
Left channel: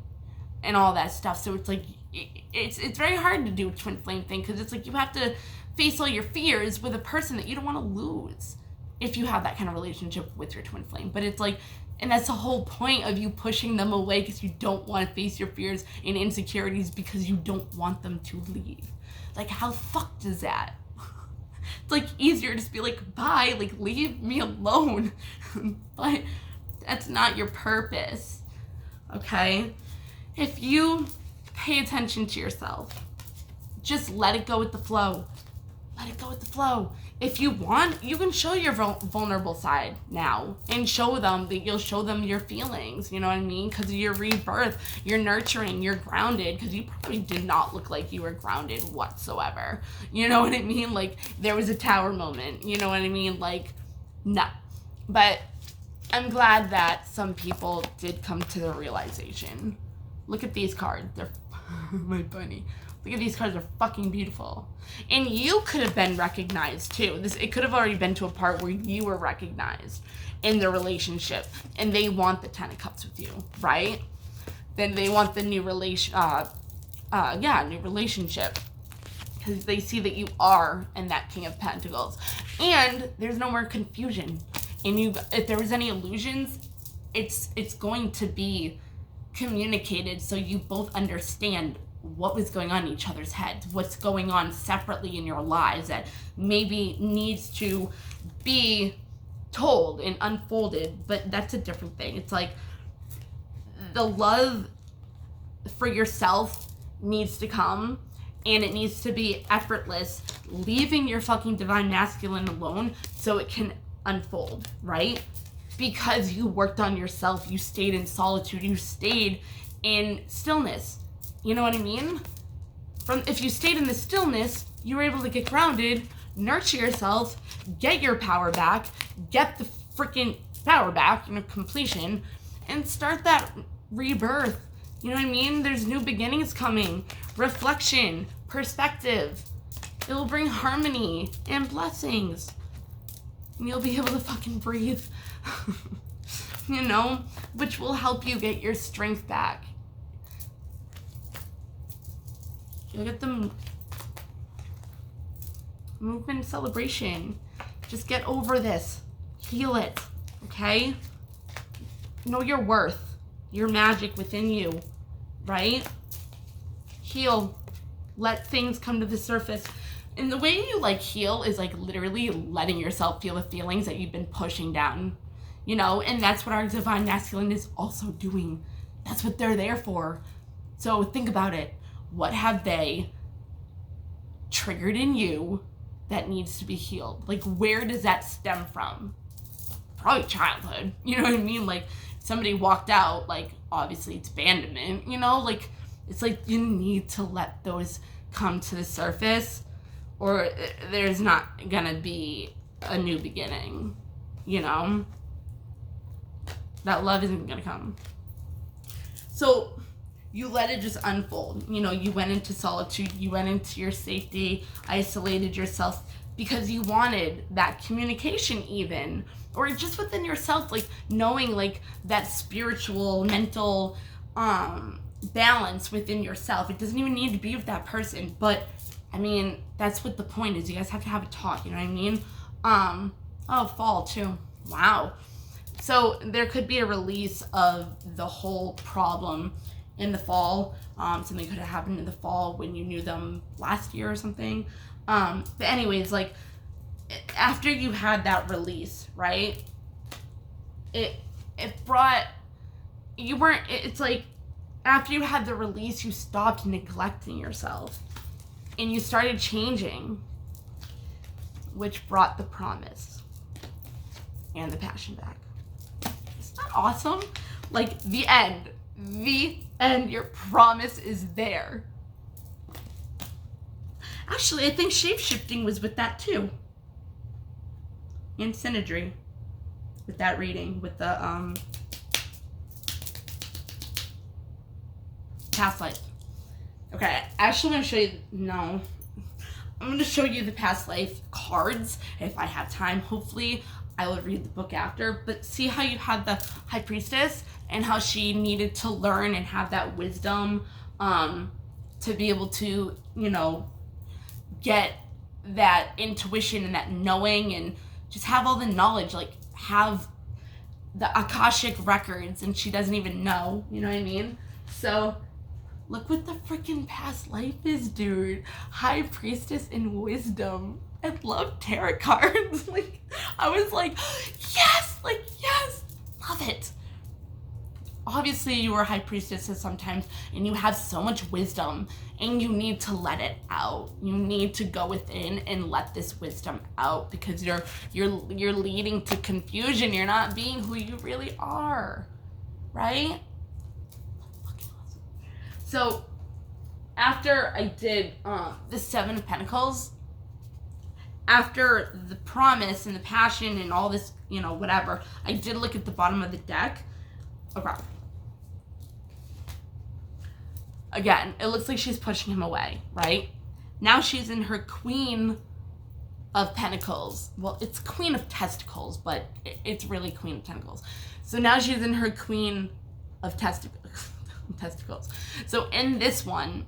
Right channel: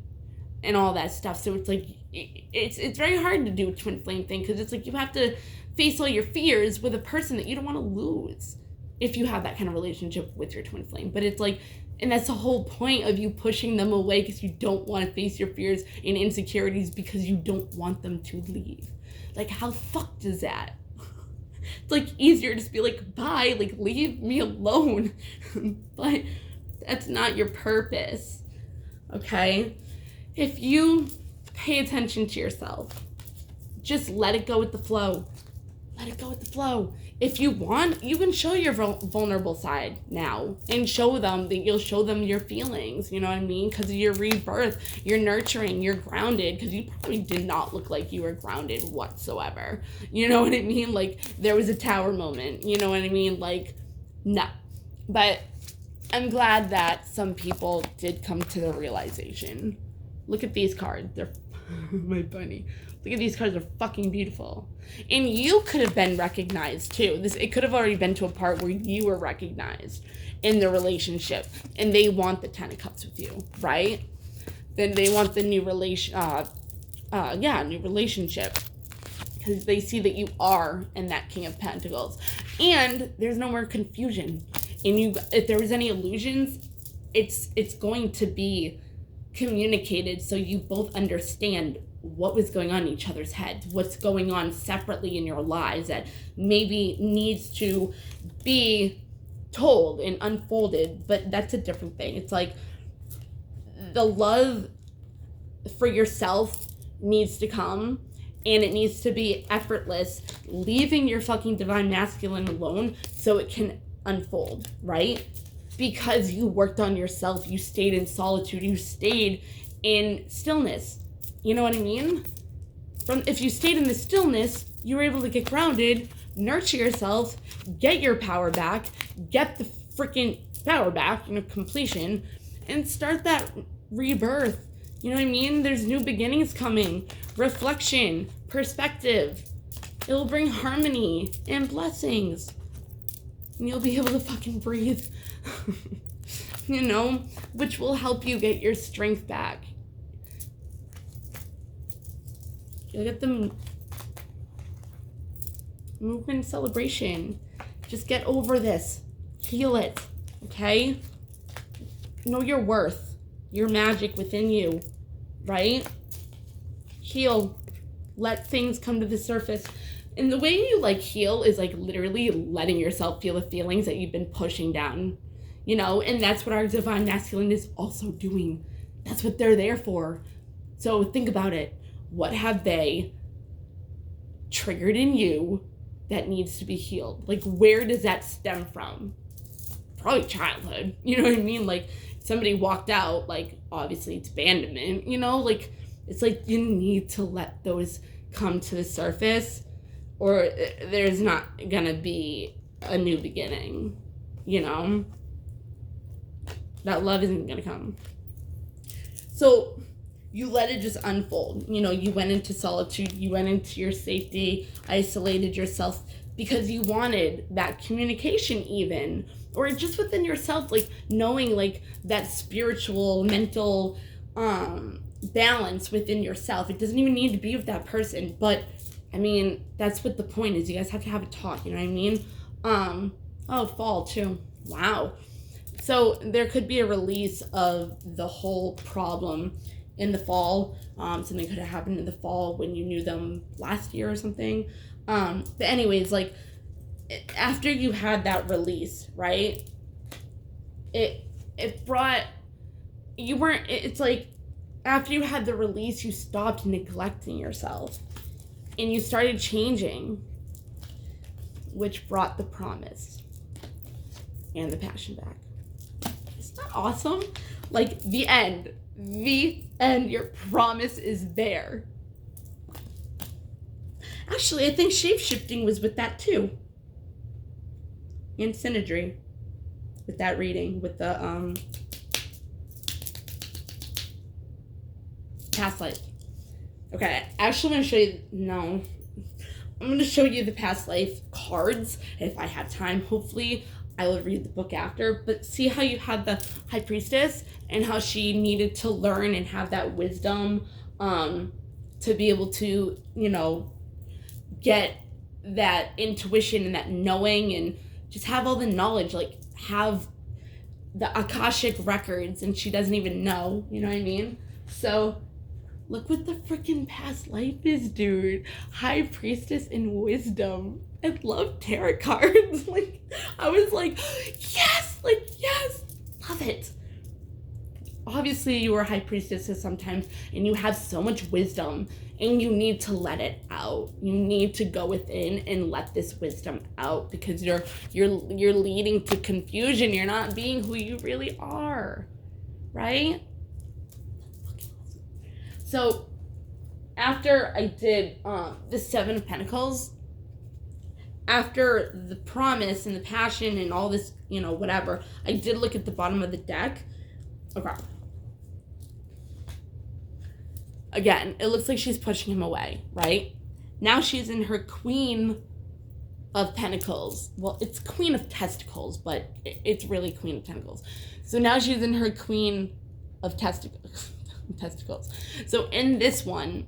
and all that stuff. So it's like, it's very hard to do a twin flame thing, because it's like you have to face all your fears with a person that you don't want to lose if you have that kind of relationship with your twin flame. But it's like, and that's the whole point of you pushing them away, because you don't want to face your fears and insecurities, because you don't want them to leave. Like, how fucked is that? It's like easier to just be like, bye, like leave me alone. But that's not your purpose. Okay? If you pay attention to yourself, just let it go with the flow. Let it go with the flow. If you want, you can show your vulnerable side now, and show them that you'll show them your feelings, you know what I mean? Because of your rebirth, you're nurturing, you're grounded, because you probably did not look like you were grounded whatsoever. You know what I mean? Like, there was a tower moment, you know what I mean? Like, no. But I'm glad that some people did come to the realization. Look at these cards. They're my bunny. Look at these cards, they're fucking beautiful. And you could have been recognized too. It could have already been to a part where you were recognized in the relationship, and they want the 10 of Cups with you, right? Then they want the new new relationship, because they see that you are in that King of Pentacles, and there's no more confusion. And if there was any illusions, it's going to be communicated, so you both understand what was going on in each other's heads, what's going on separately in your lives that maybe needs to be told and unfolded. But that's a different thing. It's like the love for yourself needs to come, and it needs to be effortless, leaving your fucking divine masculine alone so it can unfold, right? because you worked on yourself, you stayed in solitude, you stayed in stillness. You know what I mean? If you stayed in the stillness, you were able to get grounded, nurture yourself, get your power back, get the freaking power back, completion, and start that rebirth. You know what I mean? There's new beginnings coming, reflection, perspective. It will bring harmony and blessings. And you'll be able to fucking breathe. Which will help you get your strength back. You'll get the movement celebration. Just get over this. Heal it. Okay? Know your worth. Your magic within you. Right? Heal. Let things come to the surface. And the way you heal is literally letting yourself feel the feelings that you've been pushing down. And that's what our divine masculine is also doing. That's what they're there for. So think about it. What have they triggered in you that needs to be healed? Where does that stem from? Probably childhood. You know what I mean? Somebody walked out, obviously it's abandonment, it's you need to let those come to the surface, or there's not gonna be a new beginning, That love isn't gonna come. So you let it just unfold. You went into solitude, you went into your safety, isolated yourself because you wanted that communication even, or just within yourself, knowing that spiritual, mental balance within yourself. It doesn't even need to be with that person, but that's what the point is. You guys have to have a talk, you know what I mean? Fall too. Wow. So there could be a release of the whole problem in the fall. Something could have happened in the fall when you knew them last year or something. But anyways, after you had that release, right? It brought, after you had the release, you stopped neglecting yourself and you started changing, which brought the promise and the passion back. Isn't that awesome? The end. The end. Your promise is there. Actually, I think shape-shifting was with that too. And synergy. With that reading. With the past life. Okay, actually I'm going to show you... No. I'm going to show you the past life cards. If I have time, hopefully I will read the book after. But see how you had the High Priestess and how she needed to learn and have that wisdom to be able to, get that intuition and that knowing and just have all the knowledge, have the Akashic records, and she doesn't even know, you know what I mean? So look what the freaking past life is, dude. High Priestess and wisdom. I love tarot cards. I was yes, yes, love it. Obviously, you were High Priestesses sometimes, and you have so much wisdom, and you need to let it out. You need to go within and let this wisdom out, because you're leading to confusion. You're not being who you really are, right? So, after I did the Seven of Pentacles, after the promise and the passion and all this, whatever, I did look at the bottom of the deck. Okay. Again, it looks like she's pushing him away, right? Now she's in her Queen of Pentacles. Well, it's Queen of Testicles, but it's really Queen of Pentacles. So now she's in her Queen of Testicles. So in this one,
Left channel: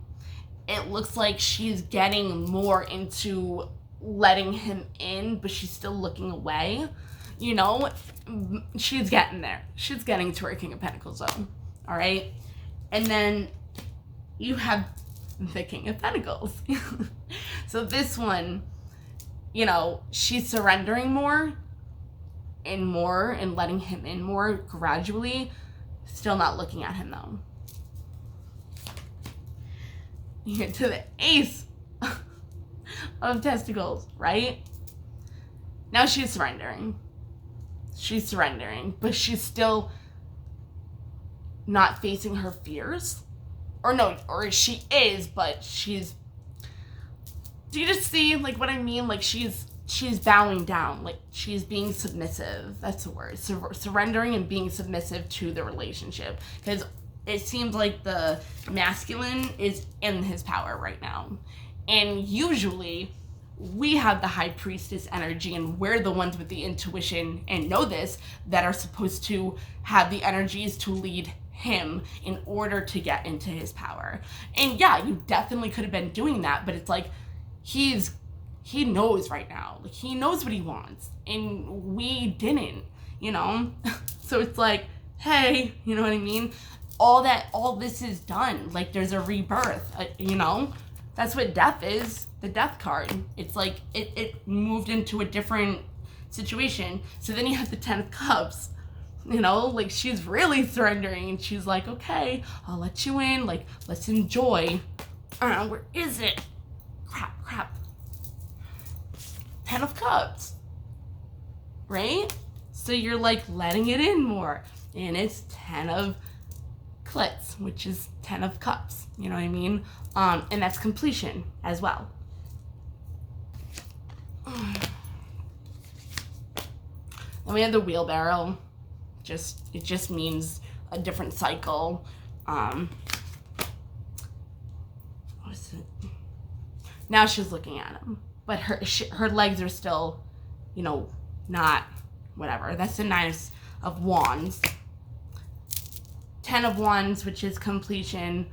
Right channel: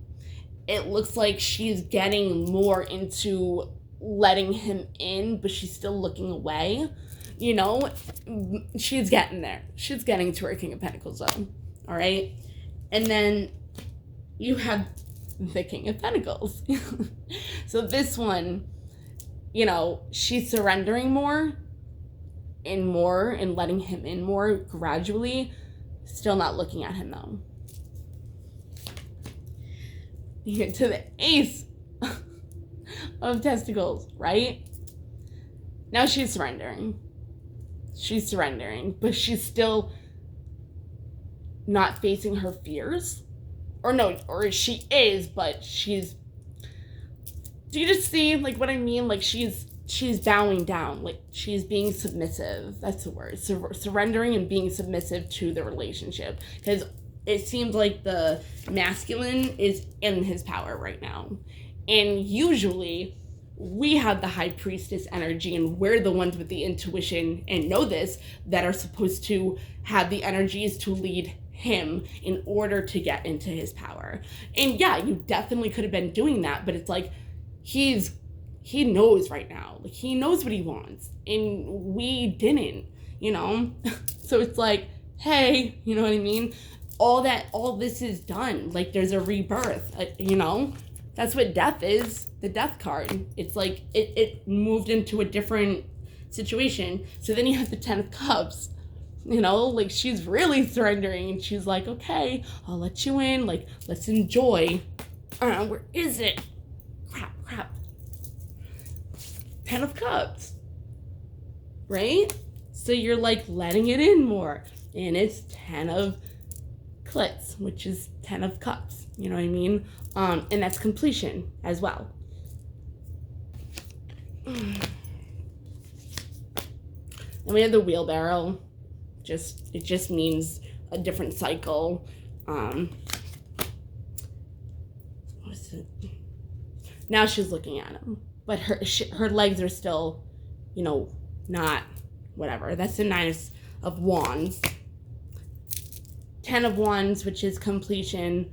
it looks like she's getting more into letting him in, but she's still looking away. She's getting there. She's getting to her King of Pentacles, though. All right? And then you have the King of Pentacles. So this one, she's surrendering more and letting him in more gradually. Still not looking at him, though. You get to the Ace of Testicles, right? Now she's surrendering. She's surrendering, but she's still not facing her fears. Or no, or she is, but she's... Do you just see, like, what I mean? Like, she's bowing down. Like, she's being submissive. That's the word. Surrendering and being submissive to the relationship. Because it seems like the masculine is in his power right now. And usually, we have the high priestess energy, and we're the ones with the intuition, and know this, that are supposed to have the energies to lead him in order to get into his power. And yeah, you definitely could have been doing that, but it's like, he knows right now. Like, he knows what he wants, and we didn't, you know? So it's like, hey, you know what I mean? All this is done. Like, there's a rebirth, you know? That's what death is, the death card. It's like, it moved into a different situation. So then you have the 10 of Cups, you know? Like, she's really surrendering, and she's like, okay, I'll let you in. Like, let's enjoy. Where is it? Crap. 10 of Cups, right? So you're like letting it in more, and it's 10 of Clits, which is 10 of Cups, you know what I mean? And that's completion as well. And we have the wheelbarrow. It just means a different cycle. What is it? Now she's looking at him, but her legs are still, you know, not whatever. That's the 9 of Wands. 10 of Wands, which is completion,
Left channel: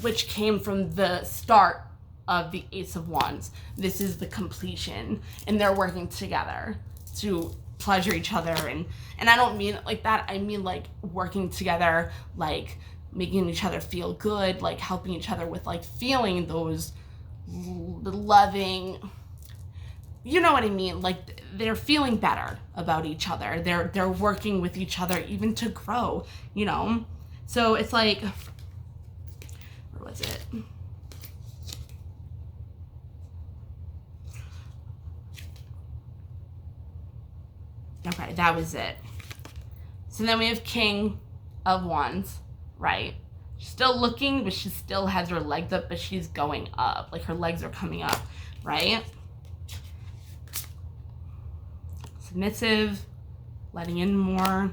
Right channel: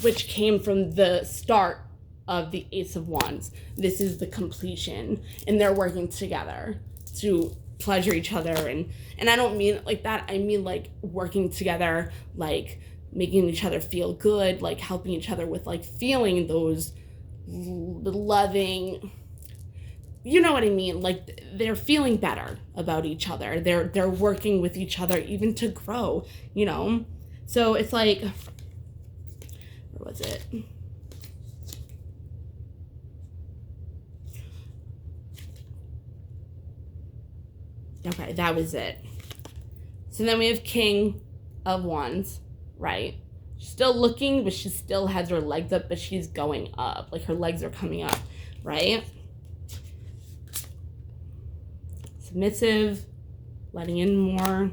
which came from the start of the Ace of Wands. This is the completion, and they're working together to pleasure each other, and I don't mean it like that. I mean like working together, like making each other feel good, like helping each other with like feeling those loving, you know what I mean? Like, they're feeling better about each other. They're working with each other even to grow, you know? So it's like, where was it? Okay, that was it. So then we have King of Wands, right? She's still looking, but she still has her legs up, but she's going up. Like, her legs are coming up, right? Submissive, letting in more.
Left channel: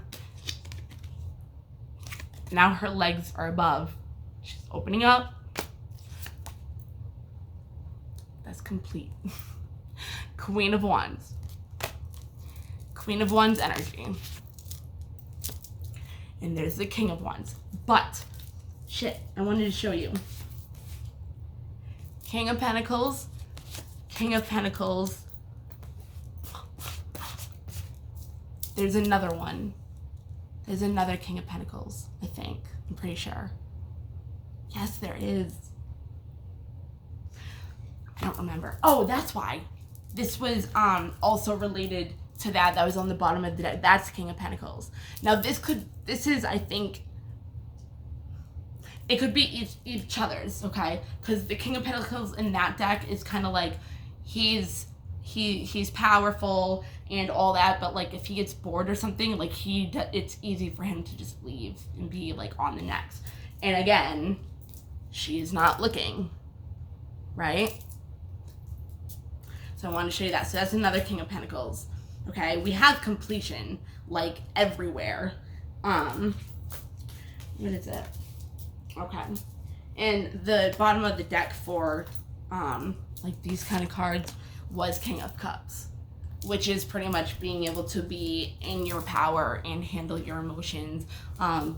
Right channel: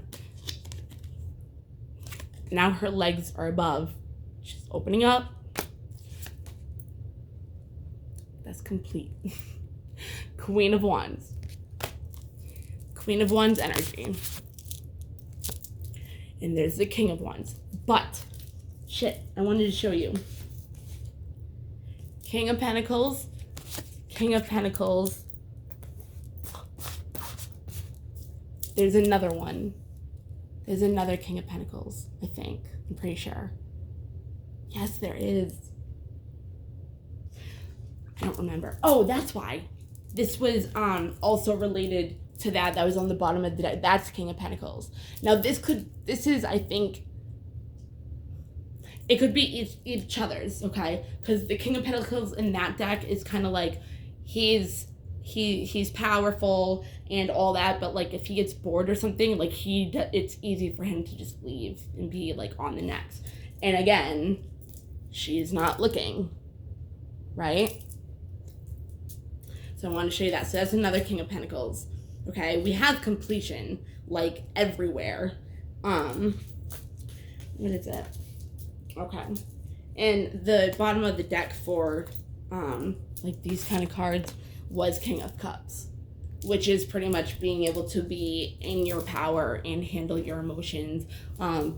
Now her legs are above. She's opening up. That's complete. Queen of Wands. Queen of Wands energy. And there's the King of Wands. But, shit, I wanted to show you. King of Pentacles. King of Pentacles. There's another one. There's another King of Pentacles, I think. I'm pretty sure. Yes, there is. I don't remember. Oh, that's why. This was also related to that was on the bottom of the deck. That's King of Pentacles. Now this is, I think, it could be each other's, okay? Because the King of Pentacles in that deck is kind of like, he's powerful and all that, but like if he gets bored or something, like it's easy for him to just leave and be like on the next. And again, she's not looking, right? So I want to show you that. So that's another King of Pentacles. Okay, we have completion like everywhere. What is it? Okay, and the bottom of the deck for like these kind of cards was King of Cups, which is pretty much being able to be in your power and handle your emotions,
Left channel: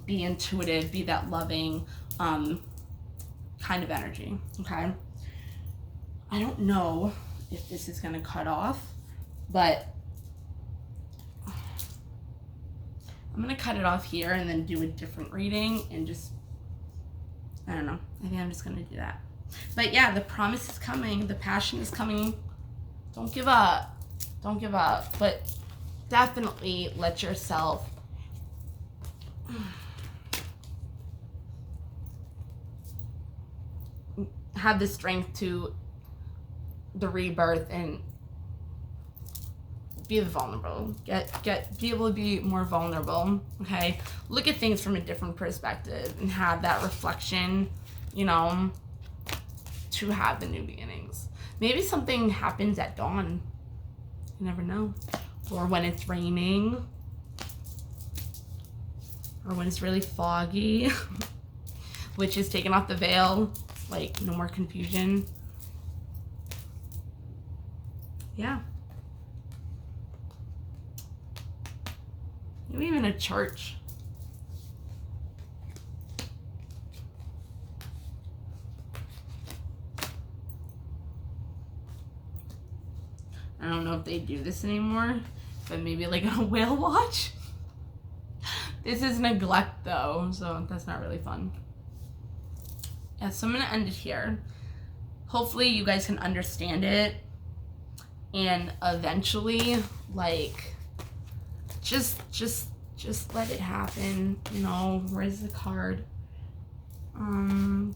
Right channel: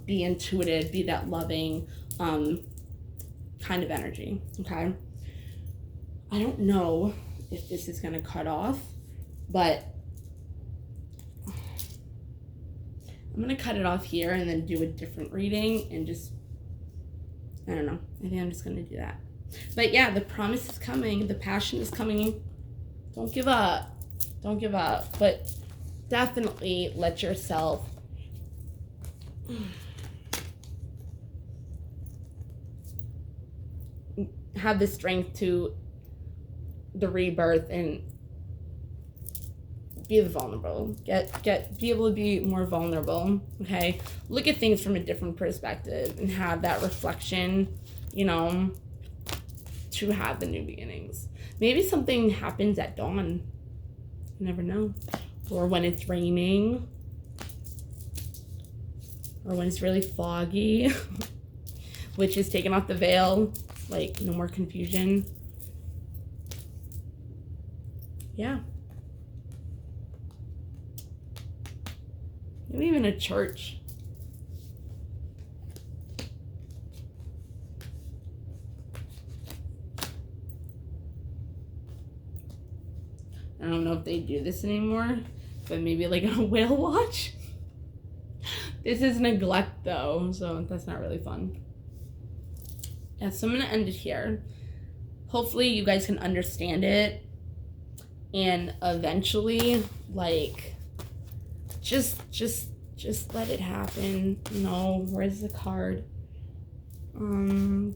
be intuitive, be that loving kind of energy. Okay, I don't know if this is gonna cut off, but I'm gonna cut it off here and then do a different reading and just, I don't know, I think I'm just gonna do that. But yeah, the promise is coming, the passion is coming. Don't give up, don't give up, but definitely let yourself have the strength to the rebirth and be vulnerable. Be able to be more vulnerable, okay? Look at things from a different perspective and have that reflection, you know, to have the new beginnings. Maybe something happens at dawn. You never know. Or when it's raining. Or when it's really foggy. Which is taking off the veil. Like, no more confusion. Yeah. Maybe even a church. I don't know if they do this anymore, but maybe like a whale watch. This is neglect though, so that's not really fun. Yeah, so I'm gonna end it here. Hopefully you guys can understand it, and eventually, like, just let it happen. You know, where's the card?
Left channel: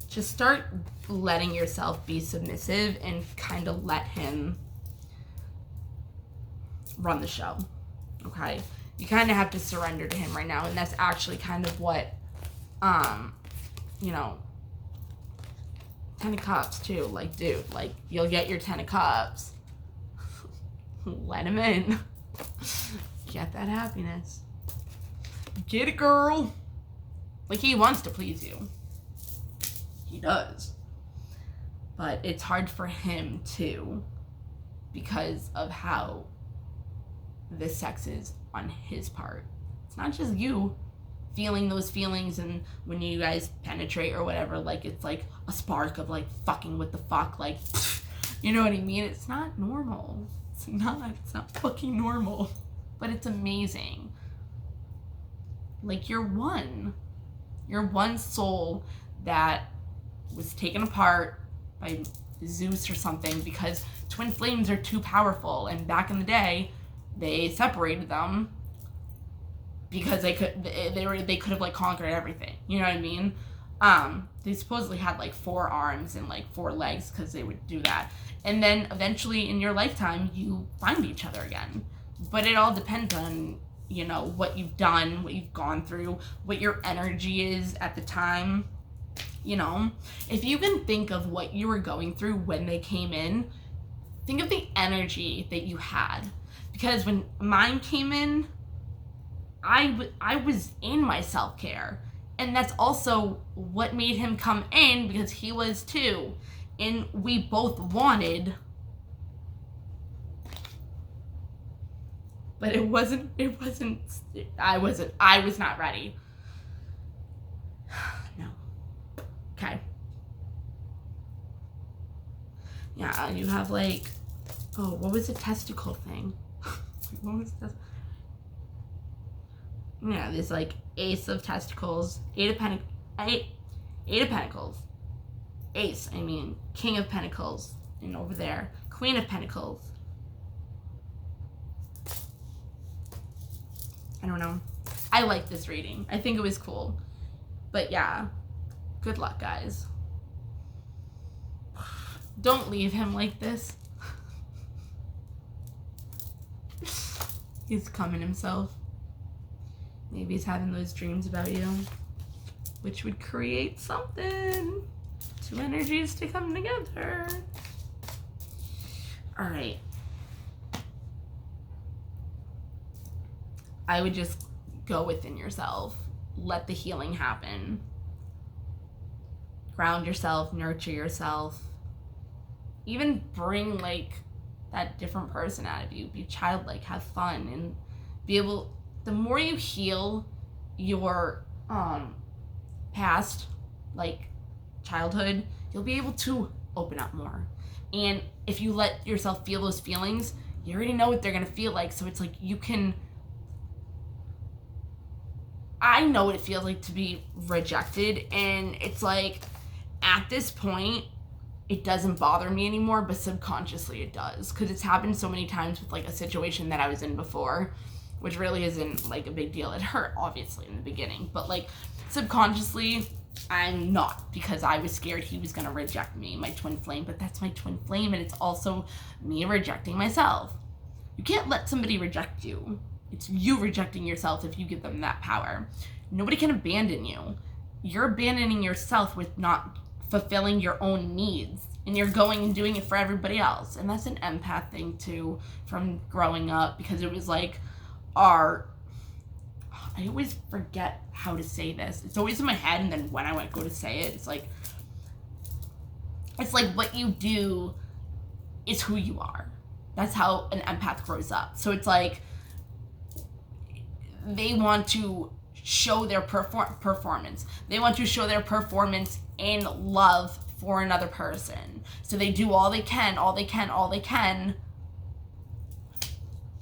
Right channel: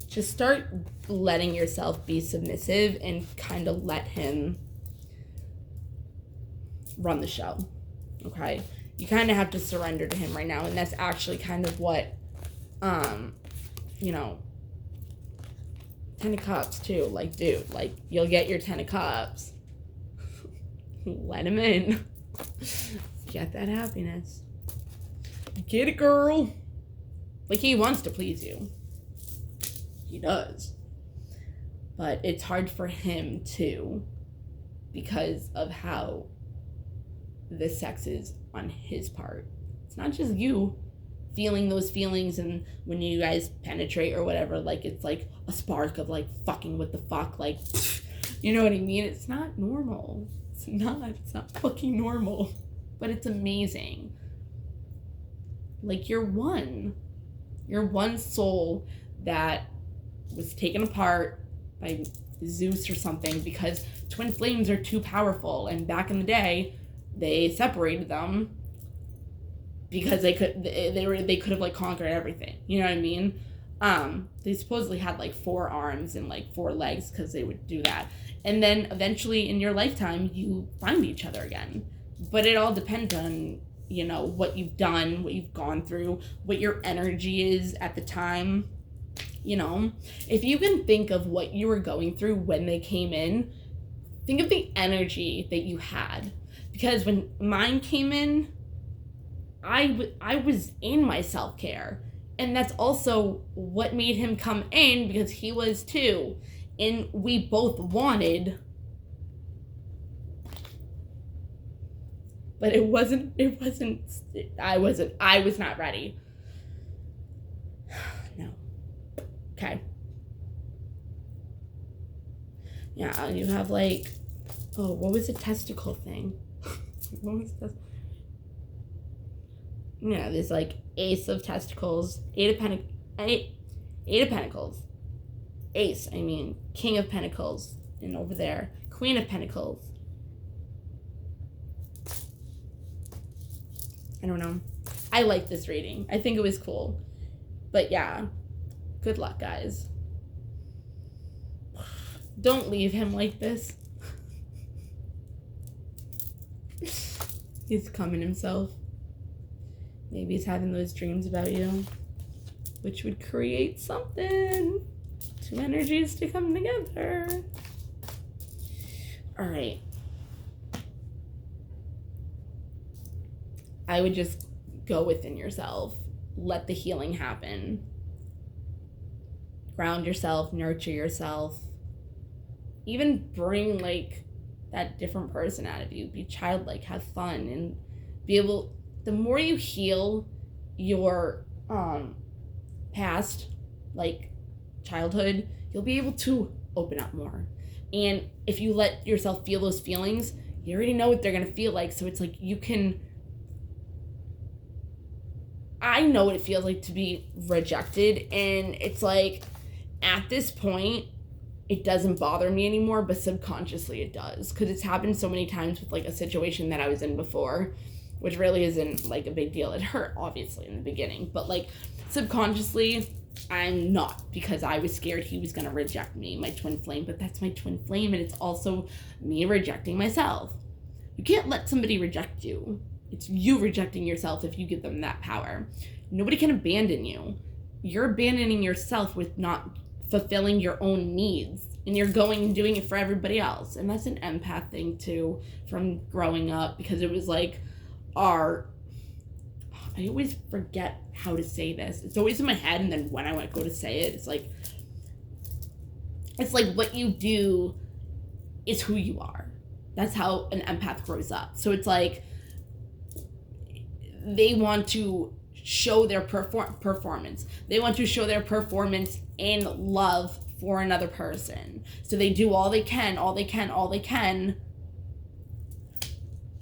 Just start letting yourself be submissive and kind of let him run the show. Okay, you kind of have to surrender to him right now, and that's actually kind of what, you know, 10 of Cups too. Like, dude, like, you'll get your 10 of Cups. Let him in. Get that happiness. Get it, girl. Like, he wants to please you. He does. But it's hard for him too, because of how the sex is on his part. It's not just you feeling those feelings, and when you guys penetrate or whatever, like, it's like a spark of like fucking what the fuck, like, you know what I mean? It's not normal. It's not fucking normal. But it's amazing. Like, you're one soul that was taken apart by Zeus or something because twin flames are too powerful, and back in the day they separated them because they could have like conquered everything, you know what I mean? They supposedly had like 4 arms and like 4 legs because they would do that, and then eventually in your lifetime you find each other again. But it all depends on, you know, what you've done, what you've gone through, what your energy is at the time. You know, if you can think of what you were going through when they came in, think of the energy that you had. Because when mine came in, I was in my self-care. And that's also what made him come in, because he was too. And we both wanted. But I was not ready. No. Okay. Yeah, you have like, oh, what was the testicle thing? What was this? Yeah, there's like Ace of Testicles, Eight of Pentacles, Ace, I mean, King of Pentacles, and over there, Queen of Pentacles. I don't know. I like this reading. I think it was cool. But yeah, good luck, guys. Don't leave him like this. He's coming himself. Maybe he's having those dreams about you, which would create something. 2 energies to come together. All right. I would just go within yourself. Let the healing happen. Ground yourself, nurture yourself. Even bring like that different person out of you. Be childlike, have fun, and be able, the more you heal your past, like childhood, you'll be able to open up more. And if you let yourself feel those feelings, you already know what they're gonna feel like. So it's like you can, I know what it feels like to be rejected, and it's like at this point it doesn't bother me anymore, but subconsciously it does, because it's happened so many times with like a situation that I was in before, which really isn't like a big deal. It hurt obviously in the beginning, but like subconsciously I'm not, because I was scared he was gonna reject me, my twin flame. But that's my twin flame, and it's also me rejecting myself. You can't let somebody reject you. It's you rejecting yourself if you give them that power. Nobody can abandon you. You're abandoning yourself with not fulfilling your own needs. And you're going and doing it for everybody else. And that's an empath thing too, from growing up, because it was like I always forget how to say this. It's always in my head, and then when I go to say it, it's like what you do is who you are. That's how an empath grows up. So it's like they want to show their performance. They want to show their performance in love for another person. So they do all they can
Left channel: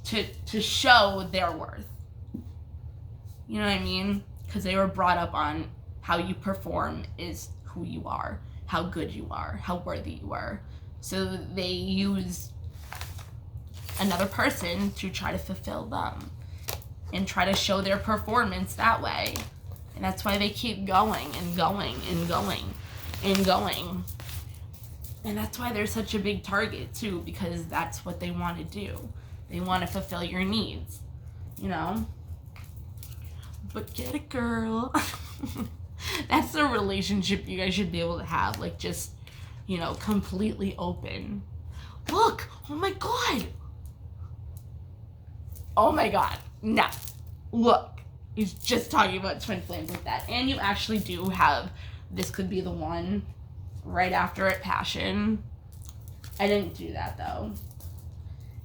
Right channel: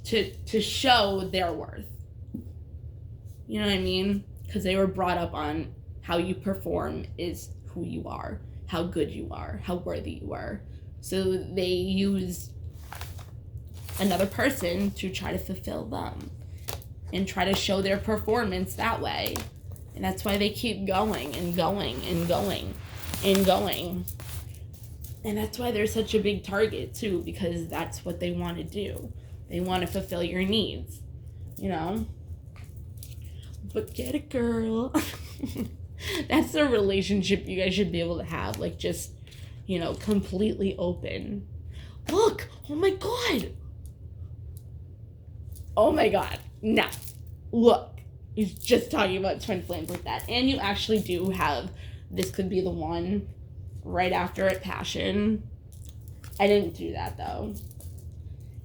to show their worth. You know what I mean? Because they were brought up on how you perform is who you are, how good you are, how worthy you are. So they use another person to try to fulfill them and try to show their performance that way. And that's why they keep going and going and going and going. And that's why they're such a big target too, because that's what they want to do. They want to fulfill your needs, you know? But get it, girl. That's the relationship you guys should be able to have. Like, just, you know, completely open. Look! Oh my god! Oh my god. No. Look. He's just talking about twin flames like that. And you actually do have, this could be the one right after it, Passion. I didn't do that, though.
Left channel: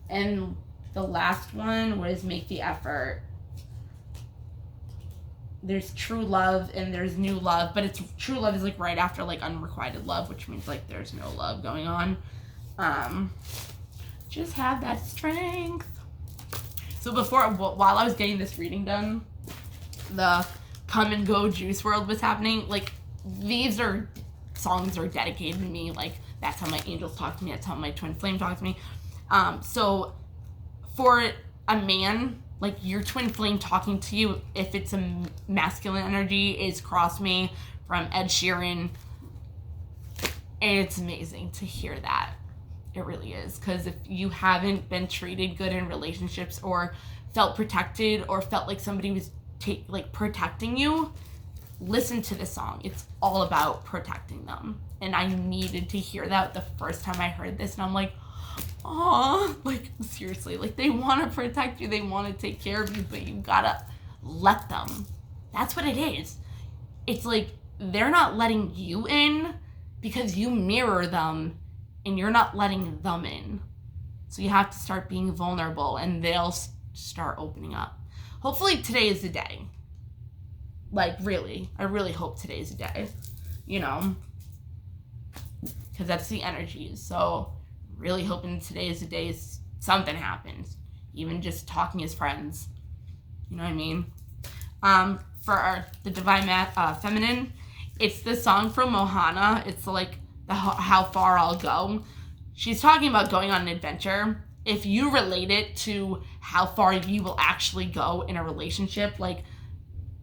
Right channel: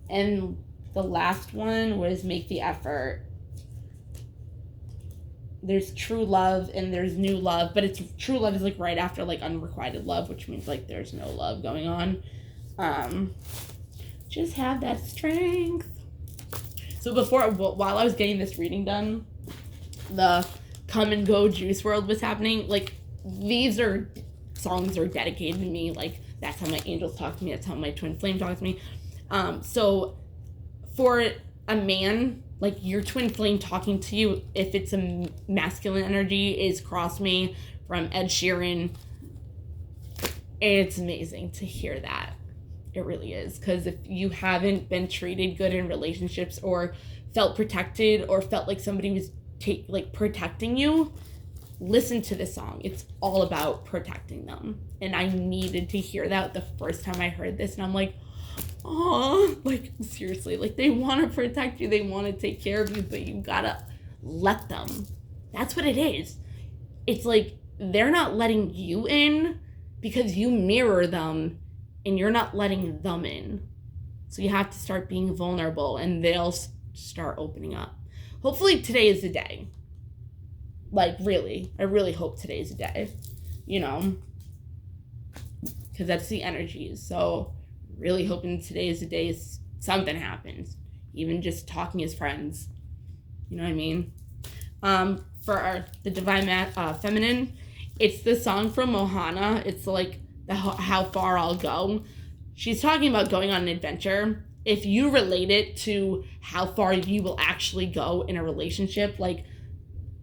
And the last one was Make the Effort. There's True Love and there's New Love, but it's True Love is like right after like Unrequited Love, which means like there's no love going on. Just have that strength. So while I was getting this reading done, the Come and Go Juice WRLD was happening. Like, these songs are dedicated to me. Like, that's how my angels talk to me. That's how my twin flame talks to me. So for a man, like, your twin flame talking to you, if it's a masculine energy, is Cross Me from Ed Sheeran. And it's amazing to hear that. It really is. Because if you haven't been treated good in relationships or felt protected or felt like somebody was protecting you, listen to this song. It's all about protecting them. And I needed to hear that the first time I heard this. And I'm like, oh, like, seriously, like, they want to protect you, they want to take care of you, but you gotta let them. That's what it is. It's like they're not letting you in because you mirror them and you're not letting them in. So you have to start being vulnerable and they'll start opening up. Hopefully today is the day. Like, really, I really hope today is the day, you know, because that's the energies. So really hoping today is the day something happens, even just talking as friends, you know what I mean? For the Divine Feminine, it's the song from Mohana. It's like How Far I'll Go. She's talking about going on an adventure. If you relate it to how far you will actually go in a relationship, like,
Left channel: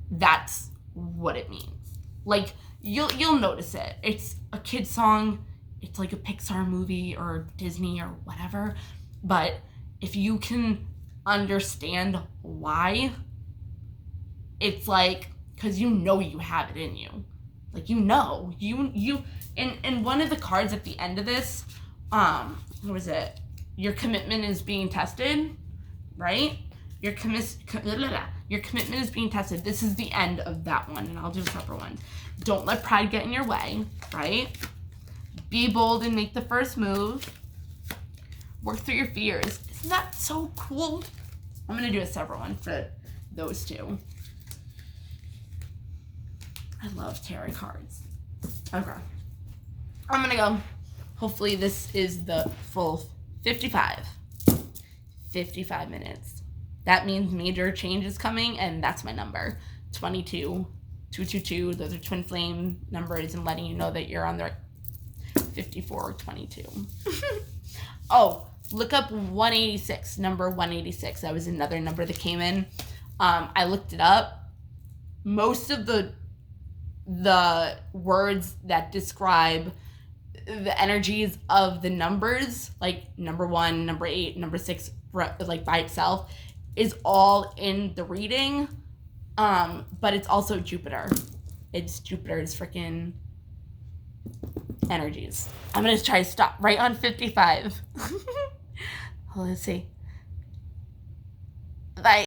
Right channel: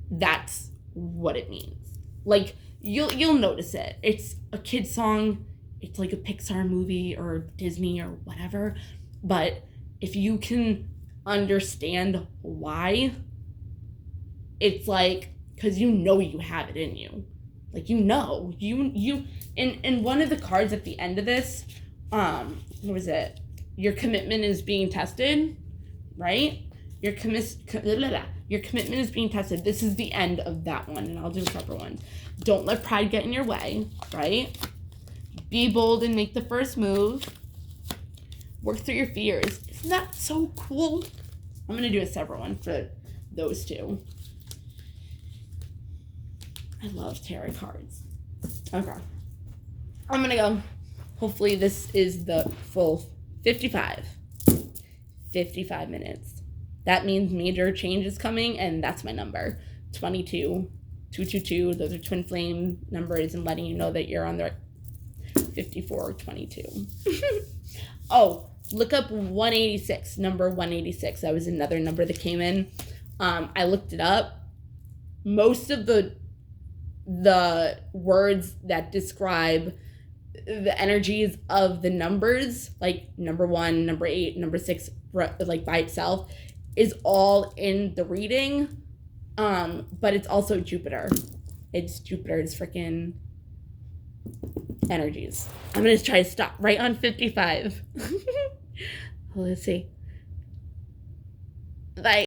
that's what it means. Like, you'll notice it. It's a kid's song. It's like a Pixar movie or Disney or whatever. But if you can understand why, it's like, because you know you have it in you. Like, you know. And one of the cards at the end of this, what was it? Your commitment is being tested, right? Your commitment is being tested. This is the end of that one, and I'll do a separate one. Don't let pride get in your way, right? Be bold and make the first move. Work through your fears. Isn't that so cool? I'm going to do a separate one for those two. I love tarot cards. Okay. I'm going to go. Hopefully this is the full 55 minutes. That means major change is coming, and that's my number. 22, 222. Those are twin flame numbers, and letting you know that you're on the 5422. Oh, look up 186, number 186. That was another number that came in. I looked it up. Most of the words that describe the energies of the numbers, like number 1, number 8, number 6, like by itself, is all in the reading. But it's also Jupiter. It's Jupiter's freaking energies. I'm gonna try to stop right on 55. Let's see. Like